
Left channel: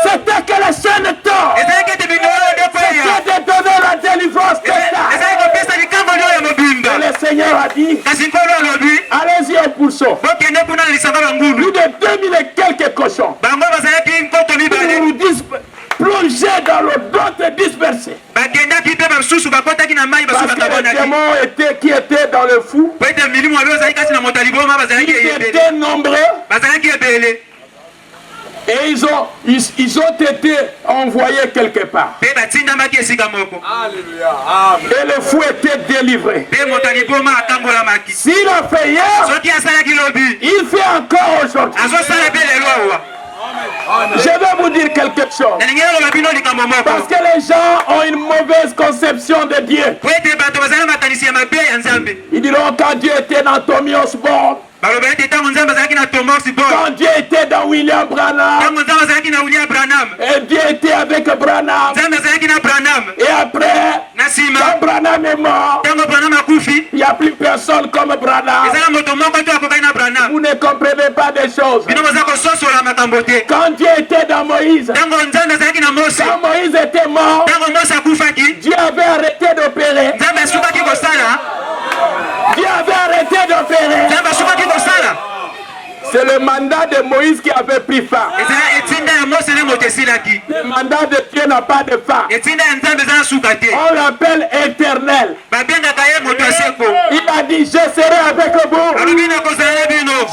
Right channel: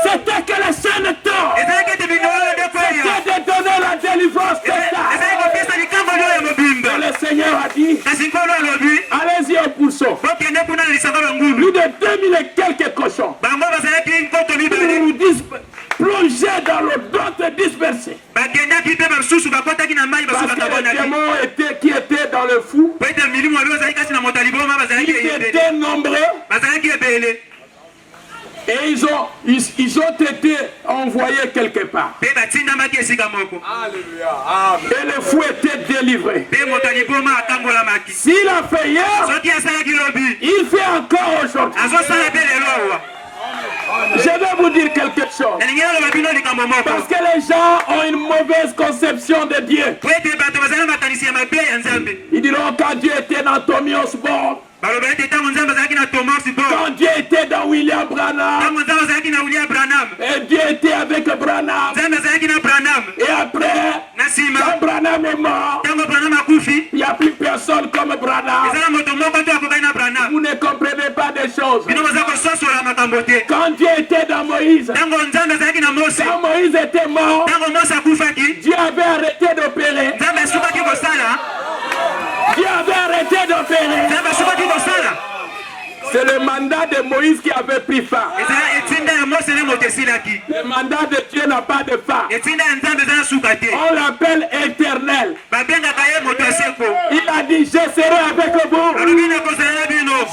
c'était que les chaînes tombent. C'était de donner la délivrance. Et le Seigneur a dit, allez-y au pourceau. Plus de 2000 et quelques cochons. Pour plonger dans l'eau, d'autres dispersés. Parce que les démons qui étaient dans le fou, ils étaient nombreux. Et ils ont été envoyés quelque part. Alléluia. Et le fou était délivré. S'il a fait hier, il fait encore aujourd'hui. Je vais vous dire quelque chose. Parce que les gens ont une mauvaise conception de Dieu. Ils diront quand Dieu était dans Tommy Osborne, quand Dieu était dans William Branham, et Dieu était avec Branham, et après, quand Branham est mort, il n'y a plus personne comme Branham. Vous ne comprenez pas des choses. Quand Dieu était dans Moïse, quand Moïse était mort, Dieu avait arrêté d'opérer. Dieu avait arrêté d'opérer. C'est le mandat de Moïse qui avait pris fin. Le mandat de Dieu n'a pas de fin. On l'appelle éternel. Il a dit, je serai avec vous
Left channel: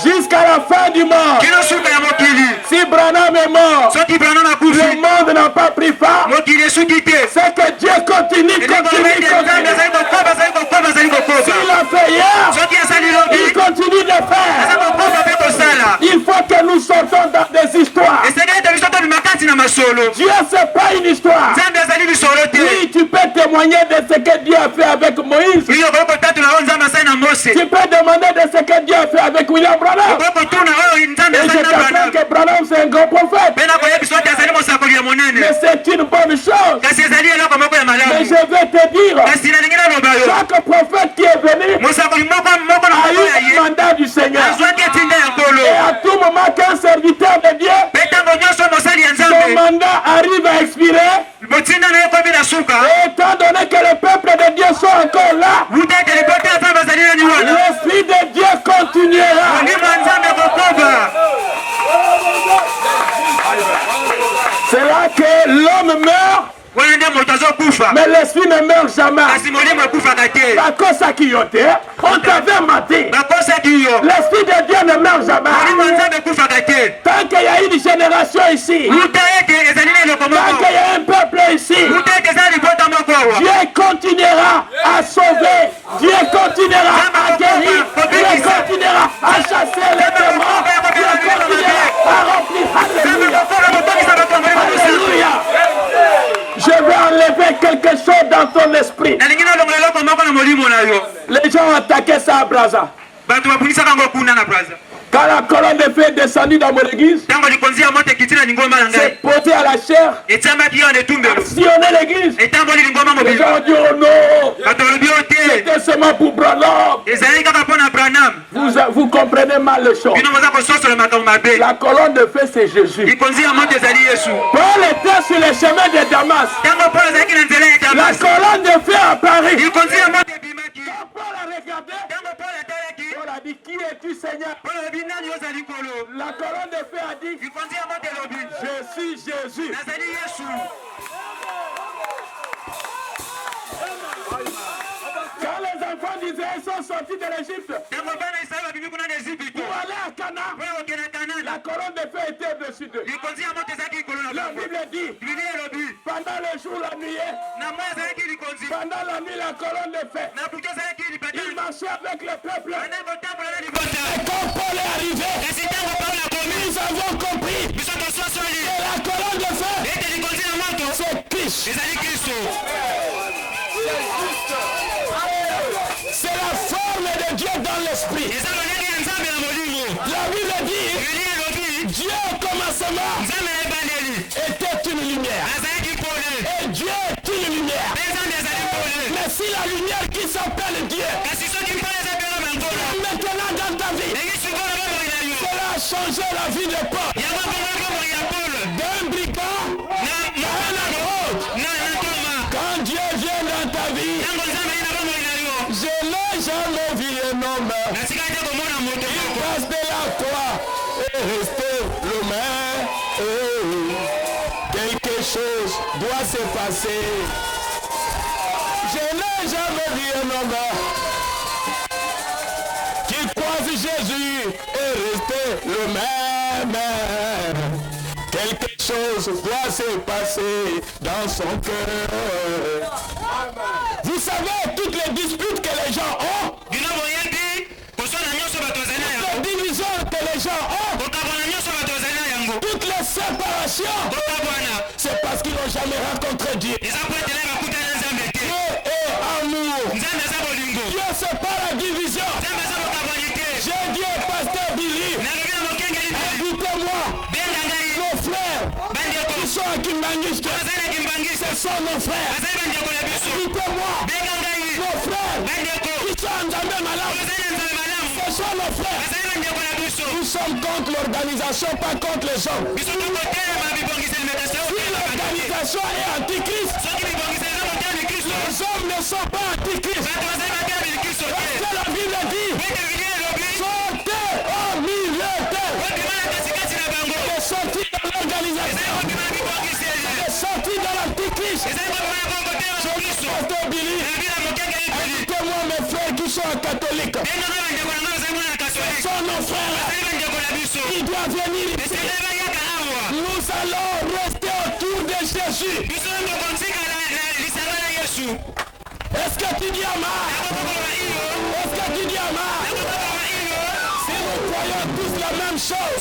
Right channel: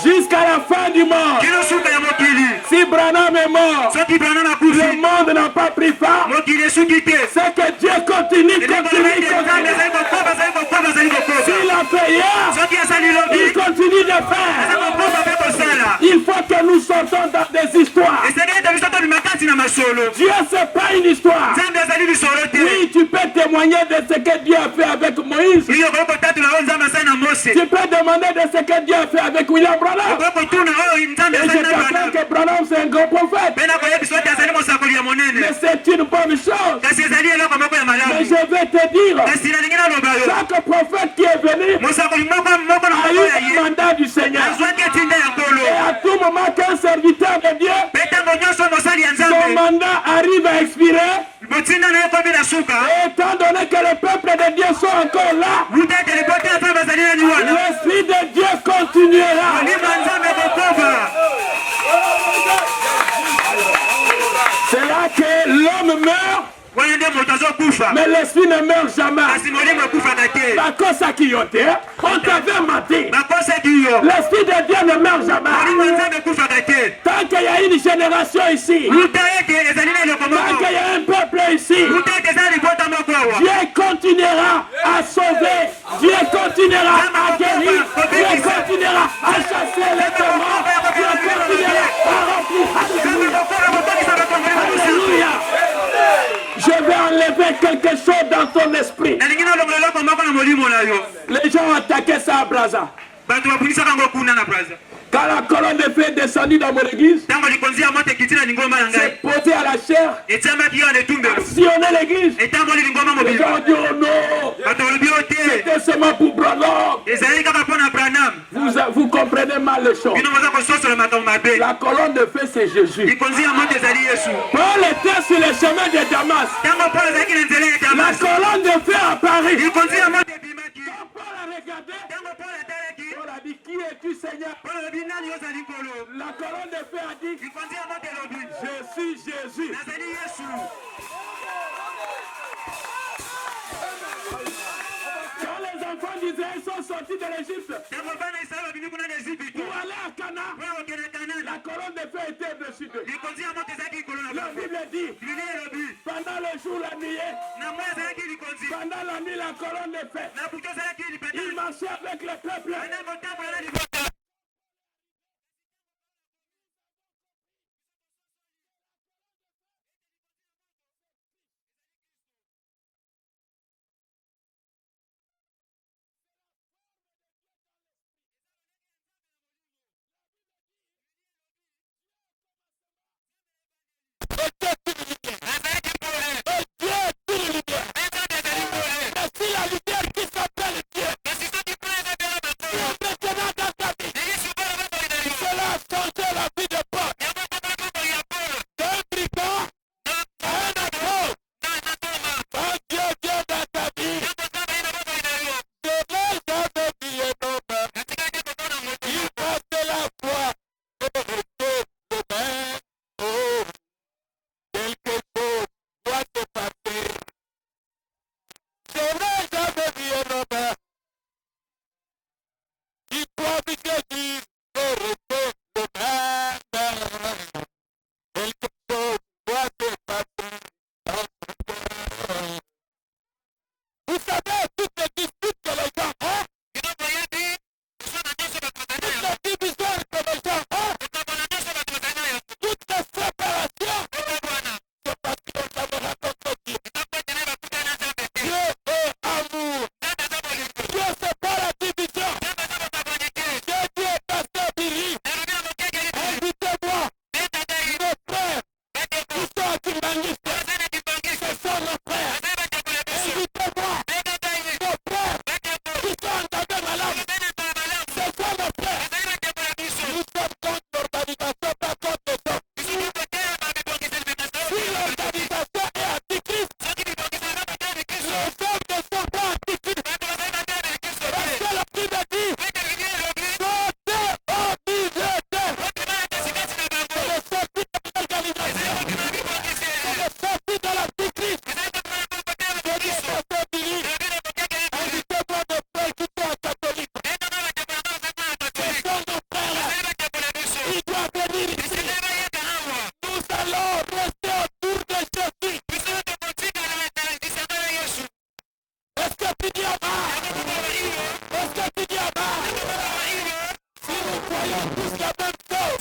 jusqu'à la fin du monde. Si Branham est mort, le monde n'a pas pris fin. C'est que Dieu continue. S'il a fait hier, il continue de faire. Il faut que nous sortons dans des histoires. Dieu, c'est pas une histoire. Oui, tu peux témoigner de ce que Dieu a fait avec Moïse. Tu peux demander de ce que Dieu a fait avec William Branham. Et je t'apprends que Branham c'est un grand prophète. Mais c'est une bonne chose. Mais je vais te dire, chaque prophète qui est venu a eu un mandat du Seigneur. Et à tout moment qu'un serviteur de Dieu, son mandat arrive à expirer. Et étant donné que le peuple de Dieu sont encore là, l'Esprit de Dieu continuera. C'est là que l'homme meurt, mais l'esprit ne meurt jamais. On t'avait maté. L'esprit de Dieu ne meurt jamais. Tant qu'il y a une génération ici, tant qu'il y a un peuple ici, Dieu continuera à sauver, Dieu continuera à guérir, Dieu continuera à chasser les démons, Dieu continuera à remplir. Alléluia. Alléluia. Je vais enlever quelque chose dans ton esprit. Les gens ont attaqué ça à Brazza. Quand la colonne de feu est descendue dans mon église, c'est posé à la chair, sillonner l'église. Les gens ont dit oh non, c'était seulement pour Branham. Vous comprenez mal les choses. La colonne de feu c'est Jésus. Paul était sur le chemin de Damas. La colonne de feu apparaît. Quand Paul a regardé, Paul a dit qui es-tu Seigneur? La colonne de feu a dit je suis Jésus. Quand les enfants d'Israël sont sortis de l'Égypte pour aller à Canaan, la colonne de feu était au-dessus d'eux. La Bible dit pendant le jour, la nuit, pendant la nuit, la colonne de feu, il marchait avec le peuple. Et quand Paul est arrivé, nous avons compris que la colonne de feu, c'est Christ. C'est la forme de Dieu dans l'esprit. La Bible dit, Dieu au commencement était une lumière. Et Dieu est une lumière. Mais si la lumière qui s'appelle Dieu est maintenant dans ta vie, cela a changé la vie de Paul. D'un brigand à un apôtre. Quand Dieu vient dans ta vie, je n'ai jamais vu un homme qui passe de la croix et rester le même. Oh, quelque chose doit se passer. Je n'ai jamais vu un homme qui croise Jésus et rester le même. Quelque chose doit se passer dans son cœur. Vous savez toutes les disputes que les gens ont, toutes les divisions que les gens ont, toutes les séparations, c'est parce qu'ils n'ont jamais rencontré Dieu. Dieu est amour. Dieu c'est pas la division. J'ai dit au pasteur Billy, invitez-moi nos frères qui sont à Kimbangiste. Ce sont nos frères. Invitez-moi nos frères qui sont en Zambé Malam. Ce sont nos frères. Nous sommes contre l'organisation, pas contre les hommes. Si l'organisation est antichrist, les hommes ne sont pas antichrist. Parce que la Bible dit, sortez au milieu d'elle. Elle est sortie dans l'organisation. Elle est sortie dans l'antichrist. Je dis pasteur Billy, invitez-moi mes frères qui sont catholiques. Ce sont nos frères. Ils doivent venir ici. Nous allons rester autour de Jésus. Est-ce que tu dis Amen? Est-ce que tu dis Amen? Si nous croyons tous la même chose,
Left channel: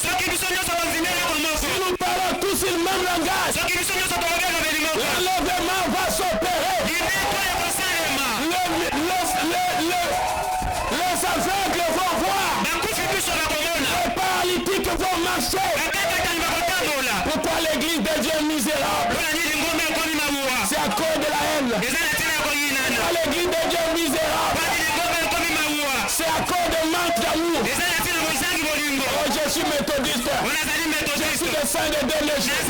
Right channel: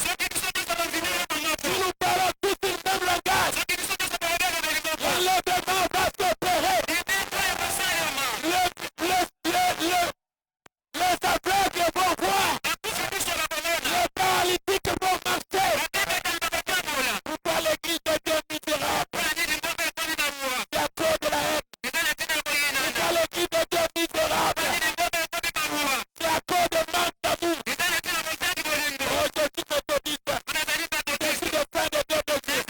si nous parlons tous le même langage, l'enlèvement va s'opérer. Les aveugles vont voir, les paralytiques vont marcher. Pourquoi l'église devient misérable? C'est à cause de la haine. Pourquoi l'église devient misérable? C'est à cause de manque d'amour. Oh, je suis méthodiste. Je suis le saint des derniers jours.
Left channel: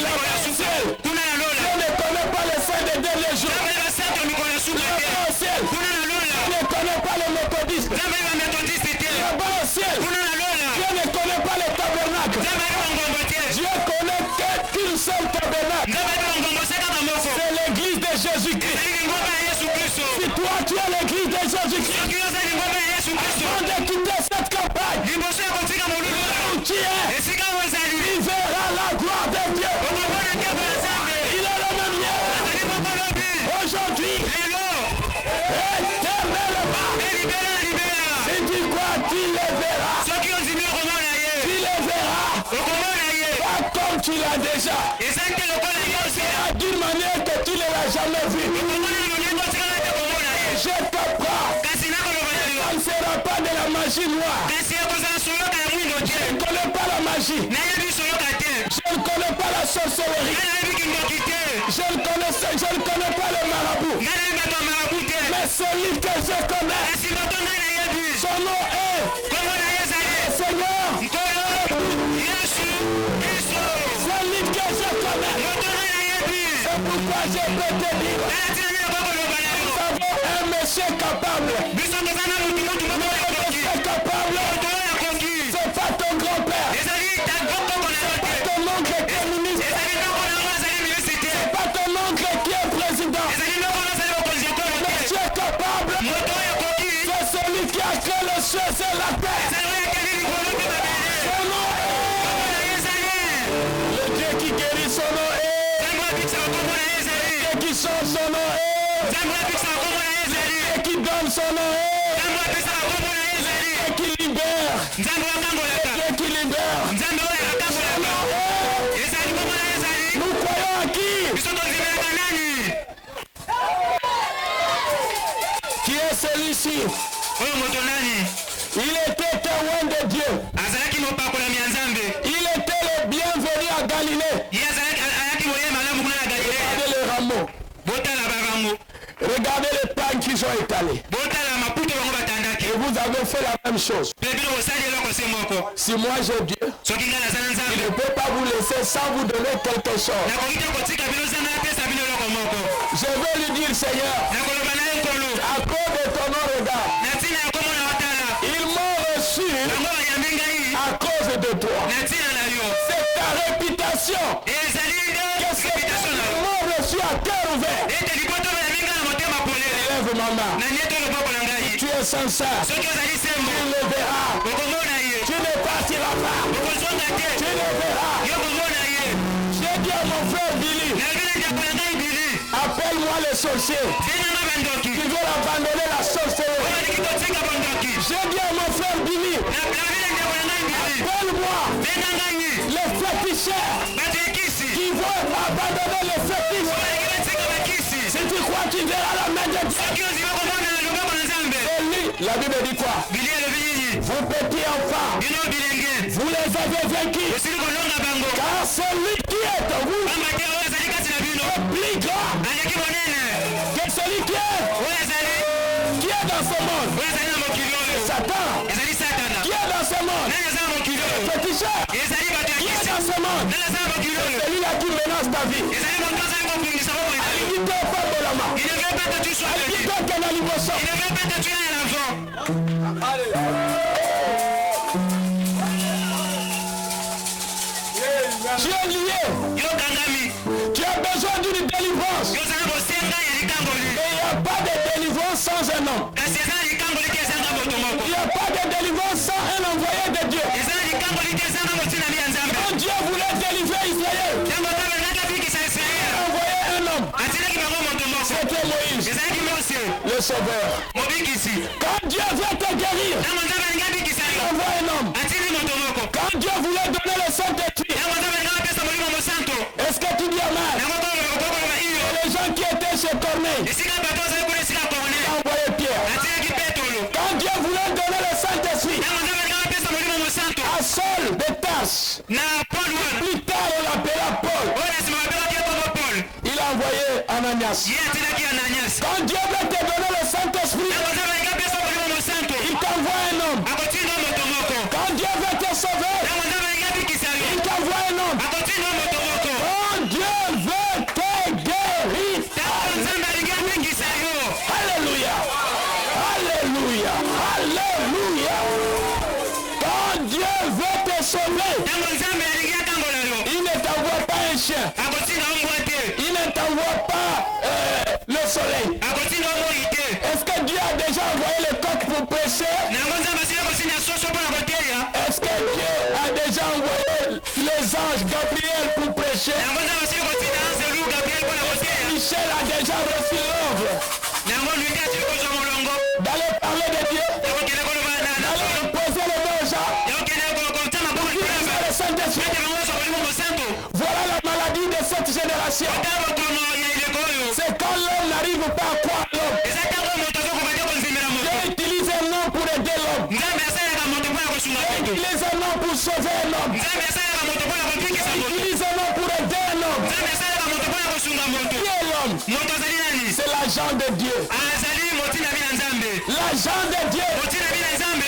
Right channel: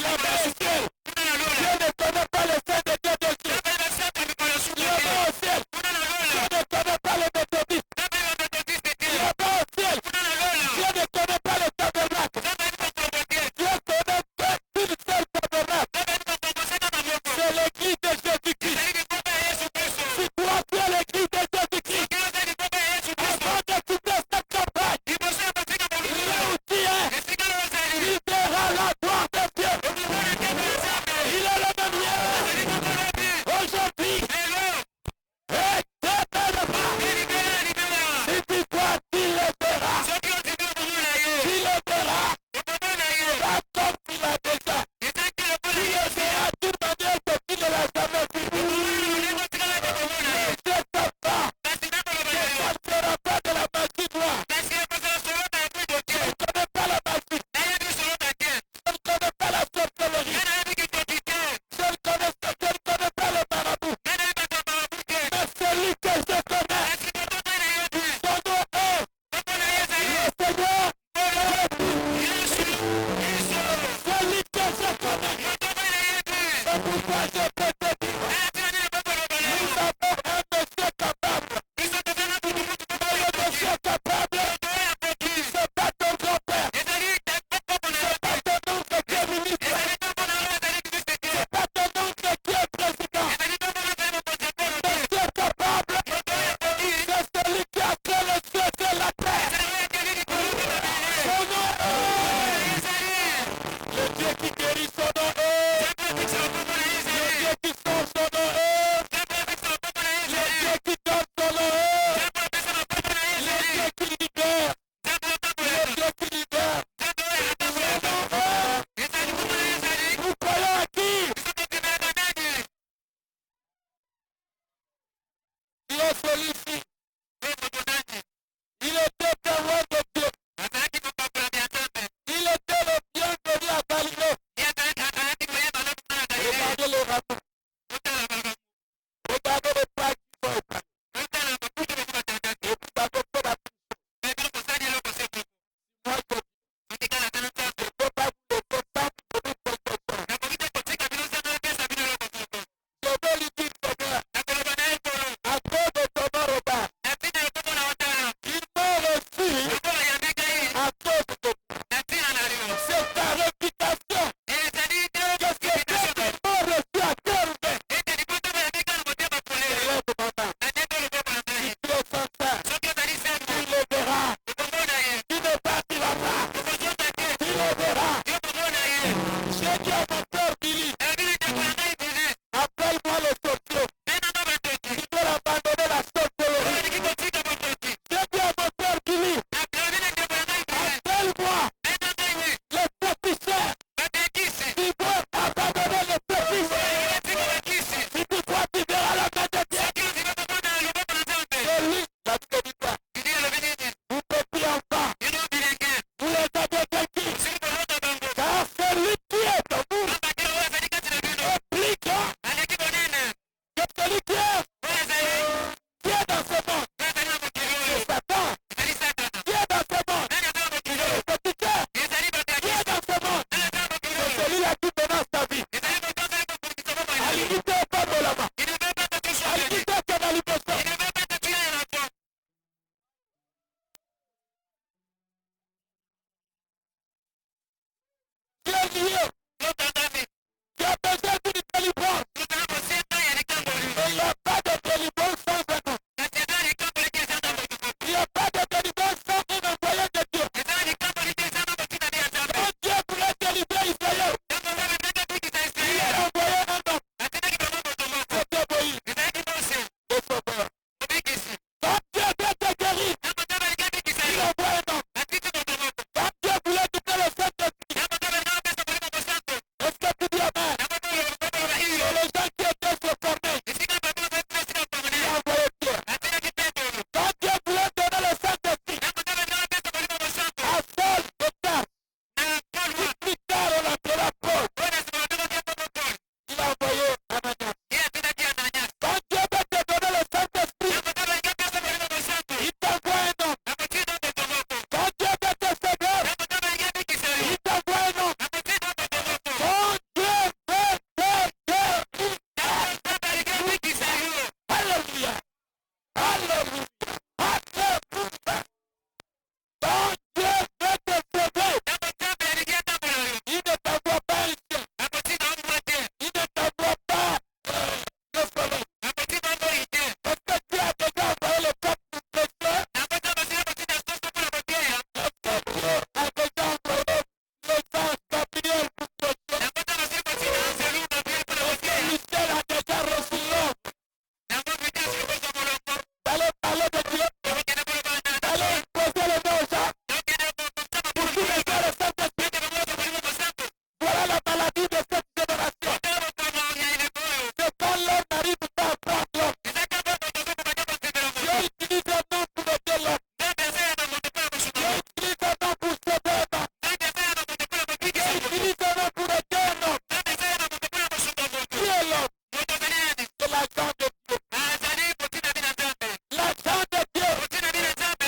Là-bas au ciel, Dieu ne connaît pas le saint des derniers jours. Là-bas au ciel, Dieu ne connaît pas les méthodistes. Là-bas au ciel, Dieu ne connaît pas les tabernacles. Dieu connaît qu'une seule tabernacle. C'est l'église de Jésus-Christ. Si toi tu es l'église de Jésus-Christ, avant de quitter cette campagne, là où tu es, il verra la gloire de Dieu. Il est le même hier, aujourd'hui, éternellement. Si tu crois, tu le verras. Tu le verras. Pas comme tu l'as déjà. Il sera d'une manière que tu ne l'as jamais vu. Je t'apprends. Ça ne sera pas de la magie noire. Je ne connais pas la magie. Je ne connais pas la sorcellerie. Je ne connais pas le marabout. Mais celui que je connais, son nom est le Seigneur. Celui que je connais. C'est pourquoi je peux te dire, nous avons un monsieur capable. Mais le monsieur capable, c'est pas ton grand-père. C'est pas ton oncle qui est ministre. C'est pas ton oncle qui est président. Monsieur capable, c'est celui qui a créé le ciel et la terre. Son nom est le Dieu qui guérit, son nom est le Dieu qui sauve, son nom est le Dieu qui donne, son nom est le Dieu qui libère, le Dieu qui libère, son nom est. Nous croyons à qui? Qui est celui-ci? Il était témoin de Dieu. Il était le bienvenu à Galilée. Regardez les rameaux. Regardez les pagnes qu'ils ont étalés. Et vous avez fait la même chose. Si moi j'ai Dieu, il ne peut pas vous laisser sans vous donner quelque chose. Je veux lui dire, Seigneur, à cause de ton nom, regarde, ils m'ont reçu à cause de toi. C'est ta réputation que ces gens m'ont reçu à cœur ouvert. Lève ma main. Si tu es sincère, tu le verras. Tu ne partiras pas. Tu le verras. J'ai dit à mon frère Billy, appelle-moi le sorcier. Tu veux abandonner la sorcellerie. J'ai dit à mon frère Billy, appelle-moi les féticheurs qui vont abandonner les fétiches. Si tu crois, tu verras la main de Dieu. Et lui, la Bible dit quoi? Vous petits enfants, vous les avez vaincus. Car celui qui est en vous est plus grand que celui qui est dans ce monde. C'est Satan qui est dans ce monde. Le féticheur qui est dans ce monde. C'est celui-là qui menace ta vie. Aligité pas Bolama. Aligité Canal Bosso. Tu es lié. Tu as besoin d'une délivrance. Et il n'y a pas de délivrance sans un homme. Il n'y a pas de délivrance sans un envoyé de Dieu. Quand Dieu voulait délivrer Israël, il a envoyé un un homme. C'était Moïse, le sauveur. Quand Dieu veut te guérir, il envoie un homme. Quand Dieu voulait donner le Saint-Esprit, est-ce que tu dis amen? Et les gens qui étaient chez Corneille, il a envoyé Pierre. Quand Dieu voulait donner le Saint-Esprit à Saul de Tarse, plus tard on l'appela Paul, il a envoyé Ananias. Quand Dieu veut te donner le Saint-Esprit, il t'envoie un homme. Quand Dieu veut te sauver, il t'envoie un homme. Quand Dieu veut te guérir, alléluia, alléluia, alléluia. Quand Dieu veut te sauver, il ne t'envoie pas un chien. Il ne t'envoie pas le soleil. Est-ce que Dieu a déjà envoyé le coq pour prêcher? Est-ce que Dieu a déjà envoyé les anges Gabriel pour prêcher? Est-ce que Michel a déjà reçu l'ordre d'aller parler de Dieu, d'aller imposer les mains aux gens pour qu'ils reçoivent le Saint-Esprit? Voilà la maladie de cette génération. C'est quand l'homme n'arrive pas à croire l'homme. Dieu utilise un homme pour aider l'homme. Dieu utilise un homme pour sauver un homme. Dieu utilise un homme pour aider un homme. Qui est l'homme? C'est l'agent de Dieu. L'agent de Dieu.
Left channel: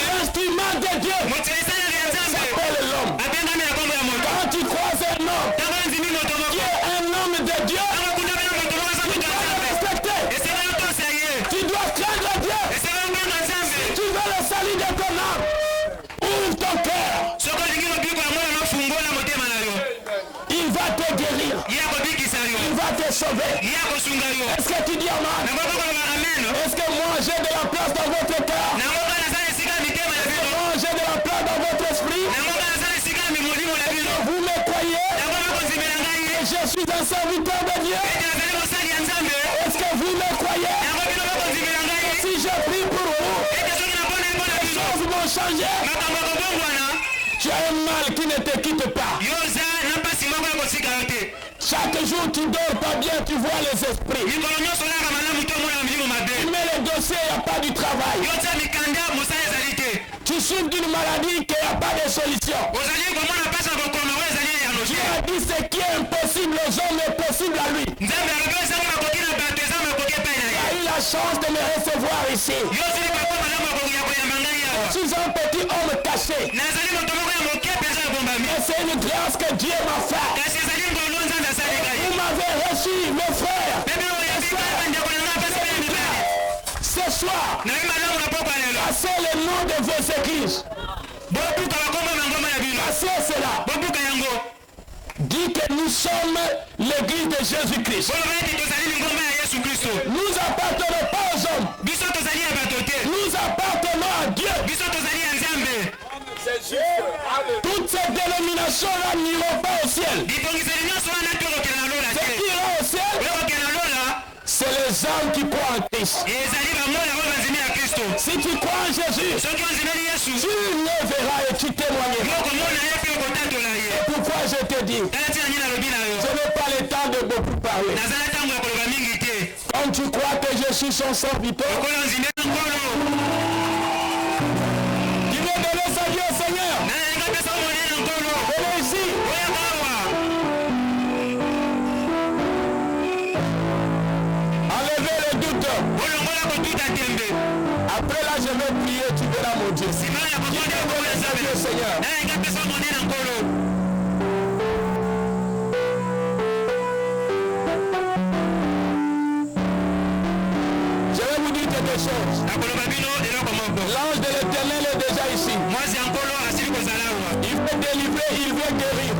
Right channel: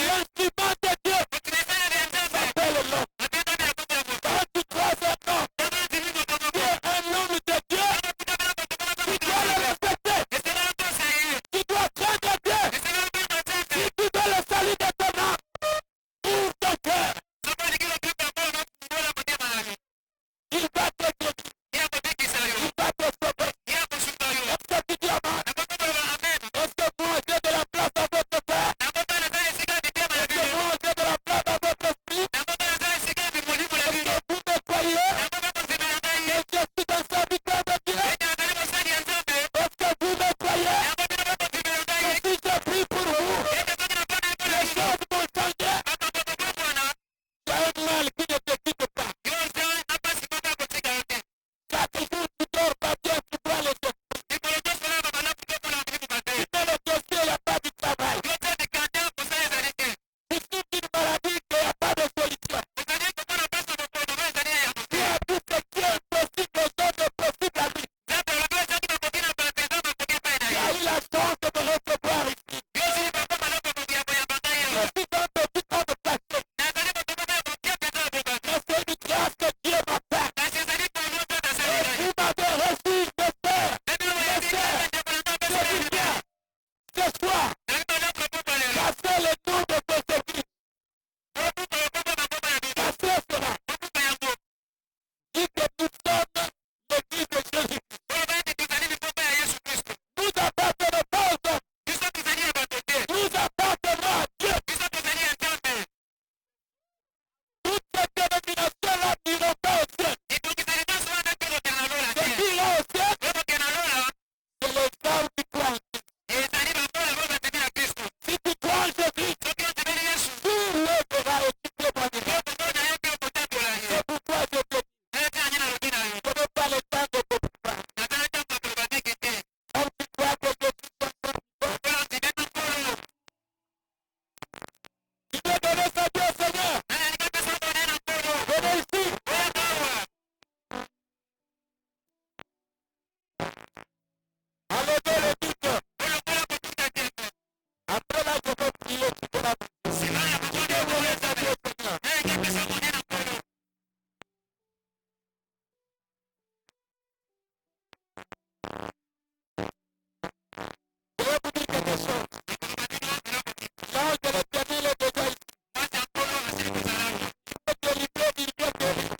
L'instrument de Dieu s'appelle l'homme. Quand tu croises un homme qui est un homme de Dieu, tu dois le respecter. Tu dois craindre Dieu. Si tu veux le salut de ton âme, ouvre ton cœur. Il va te guérir. Il va te sauver. Est-ce que tu dis amen? Est-ce que moi j'ai de la place dans votre cœur? Est-ce que moi j'ai de la place dans votre esprit? Est-ce que vous me croyez que je suis un serviteur de Dieu? Est-ce que vous me croyez que si je prie pour vous, les choses vont changer? Tu as un mal qui ne te quitte pas. Chaque jour tu dors pas bien, tu vois les esprits. Tu mets les dossiers, il n'y a pas du travail. Tu souffres d'une maladie qu'il n'y a pas de solution. Tu as dit ce qui est impossible aux hommes est possible à lui. Tu as eu la chance de me recevoir ici. Je suis un petit homme caché. Mais c'est une grâce que Dieu m'a faite. Vous m'avez reçu, mes frères, mes sœurs, ce soir, passez le nom de vos églises. Passez cela. Dit que nous sommes l'église de Jésus-Christ. Nous appartenons pas aux hommes. Nous appartenons à Dieu. Toutes ces dénominations-là n'iront pas au ciel. Ce qui ira au ciel, c'est les âmes qui croient en Christ. Si tu crois en Jésus, tu le verras et tu témoigneras. C'est pourquoi je te dis, je n'ai pas le temps de beaucoup parler. Comme tu crois que je suis son serviteur, tu veux donner sa vie au Seigneur. Venez ici. Enlevez le doute. Après là, je vais prier, tu verras mon Dieu. Qui veut donner sa vie au Seigneur. Je vais vous dire quelque chose. L'ange de l'Éternel est déjà ici. Il veut délivrer, il veut guérir.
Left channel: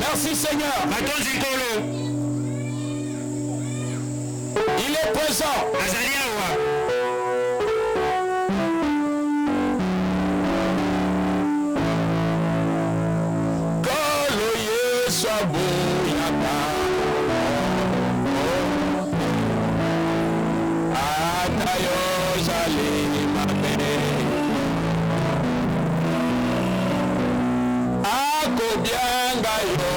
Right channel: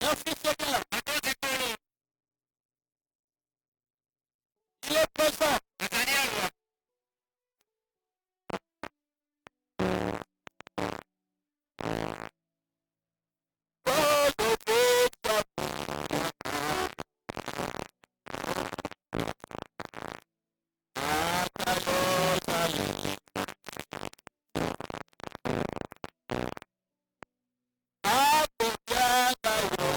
Merci Seigneur. Il est présent. Kolo Yesu aboyaka. Tayo Shalimame Akobianga yo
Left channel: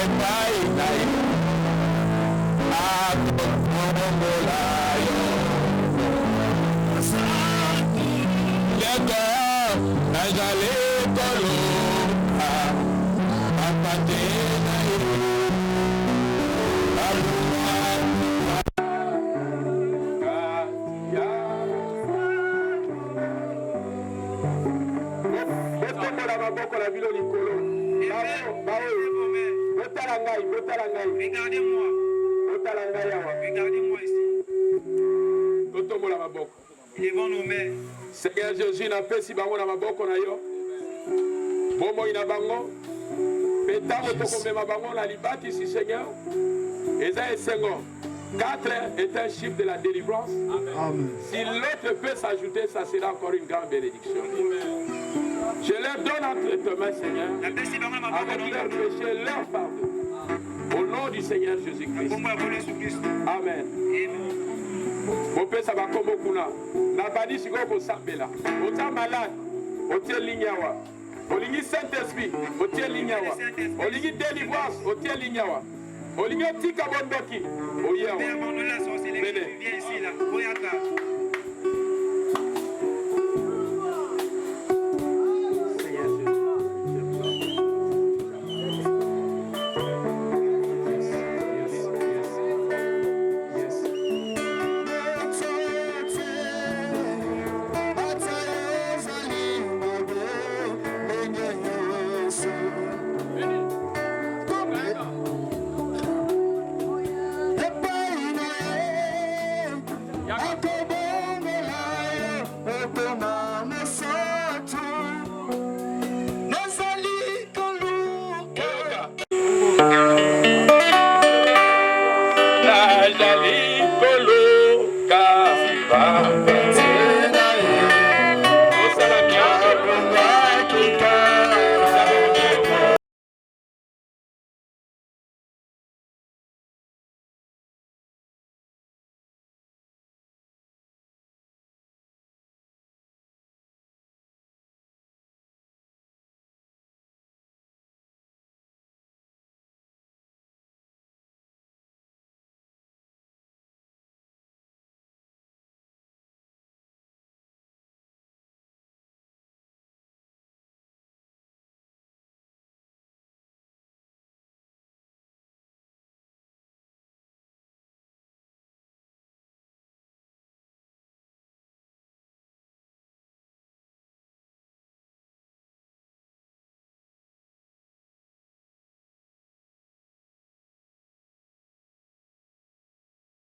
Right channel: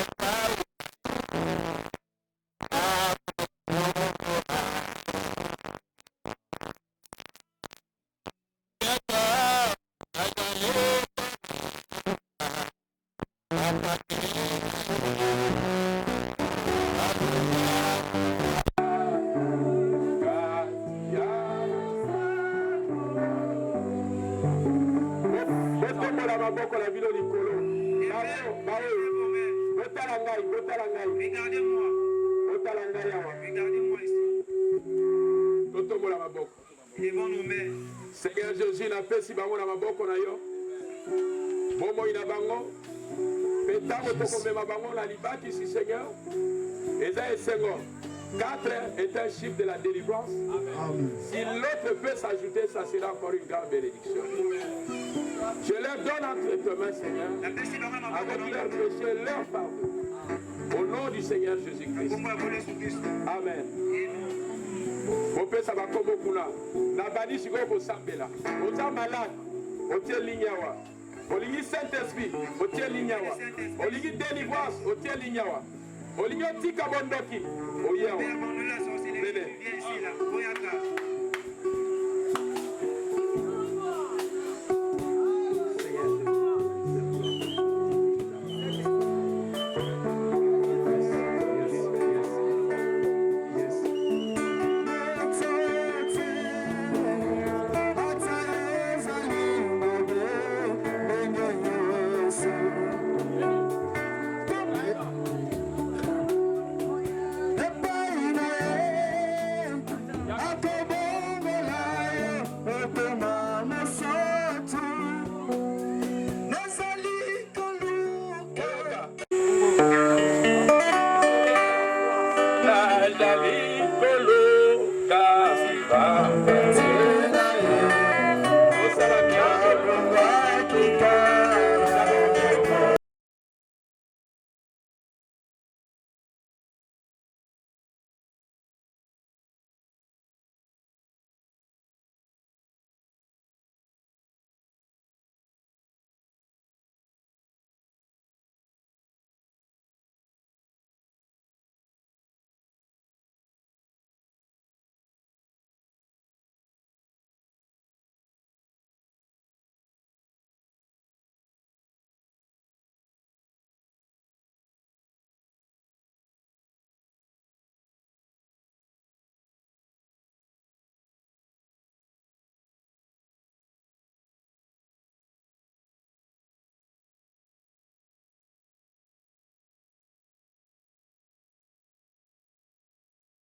Epai nai Akotongola yo Lego Najale Kolo Papate nai Abunga Regardez-moi. Regardez-moi ici. Devant nos mains. Seigneur Jésus n'a pas si bango na maboko na yo. Bomo ina bango. Petango toko mema bango na libati si Seigneur. Eza esengo. 4 est un chiffre de la délivrance. Amen. Si l'autre peut s'ajouter, ça sera encore une grande bénédiction. Amen. Je leur donne entre tes mains, Seigneur, avec leurs péchés, leur pardon. Au nom du Seigneur Jésus-Christ. Amen. Mon père, ça va comme au Kuna. Nabani Sigo Sambela. Oza malade. Otie Lignawa. Olingi Saint-Esprit. Otie Lignawa. Olingi délivrance. Otie Lignawa. Olingi Tika Bondoki. Oyewa.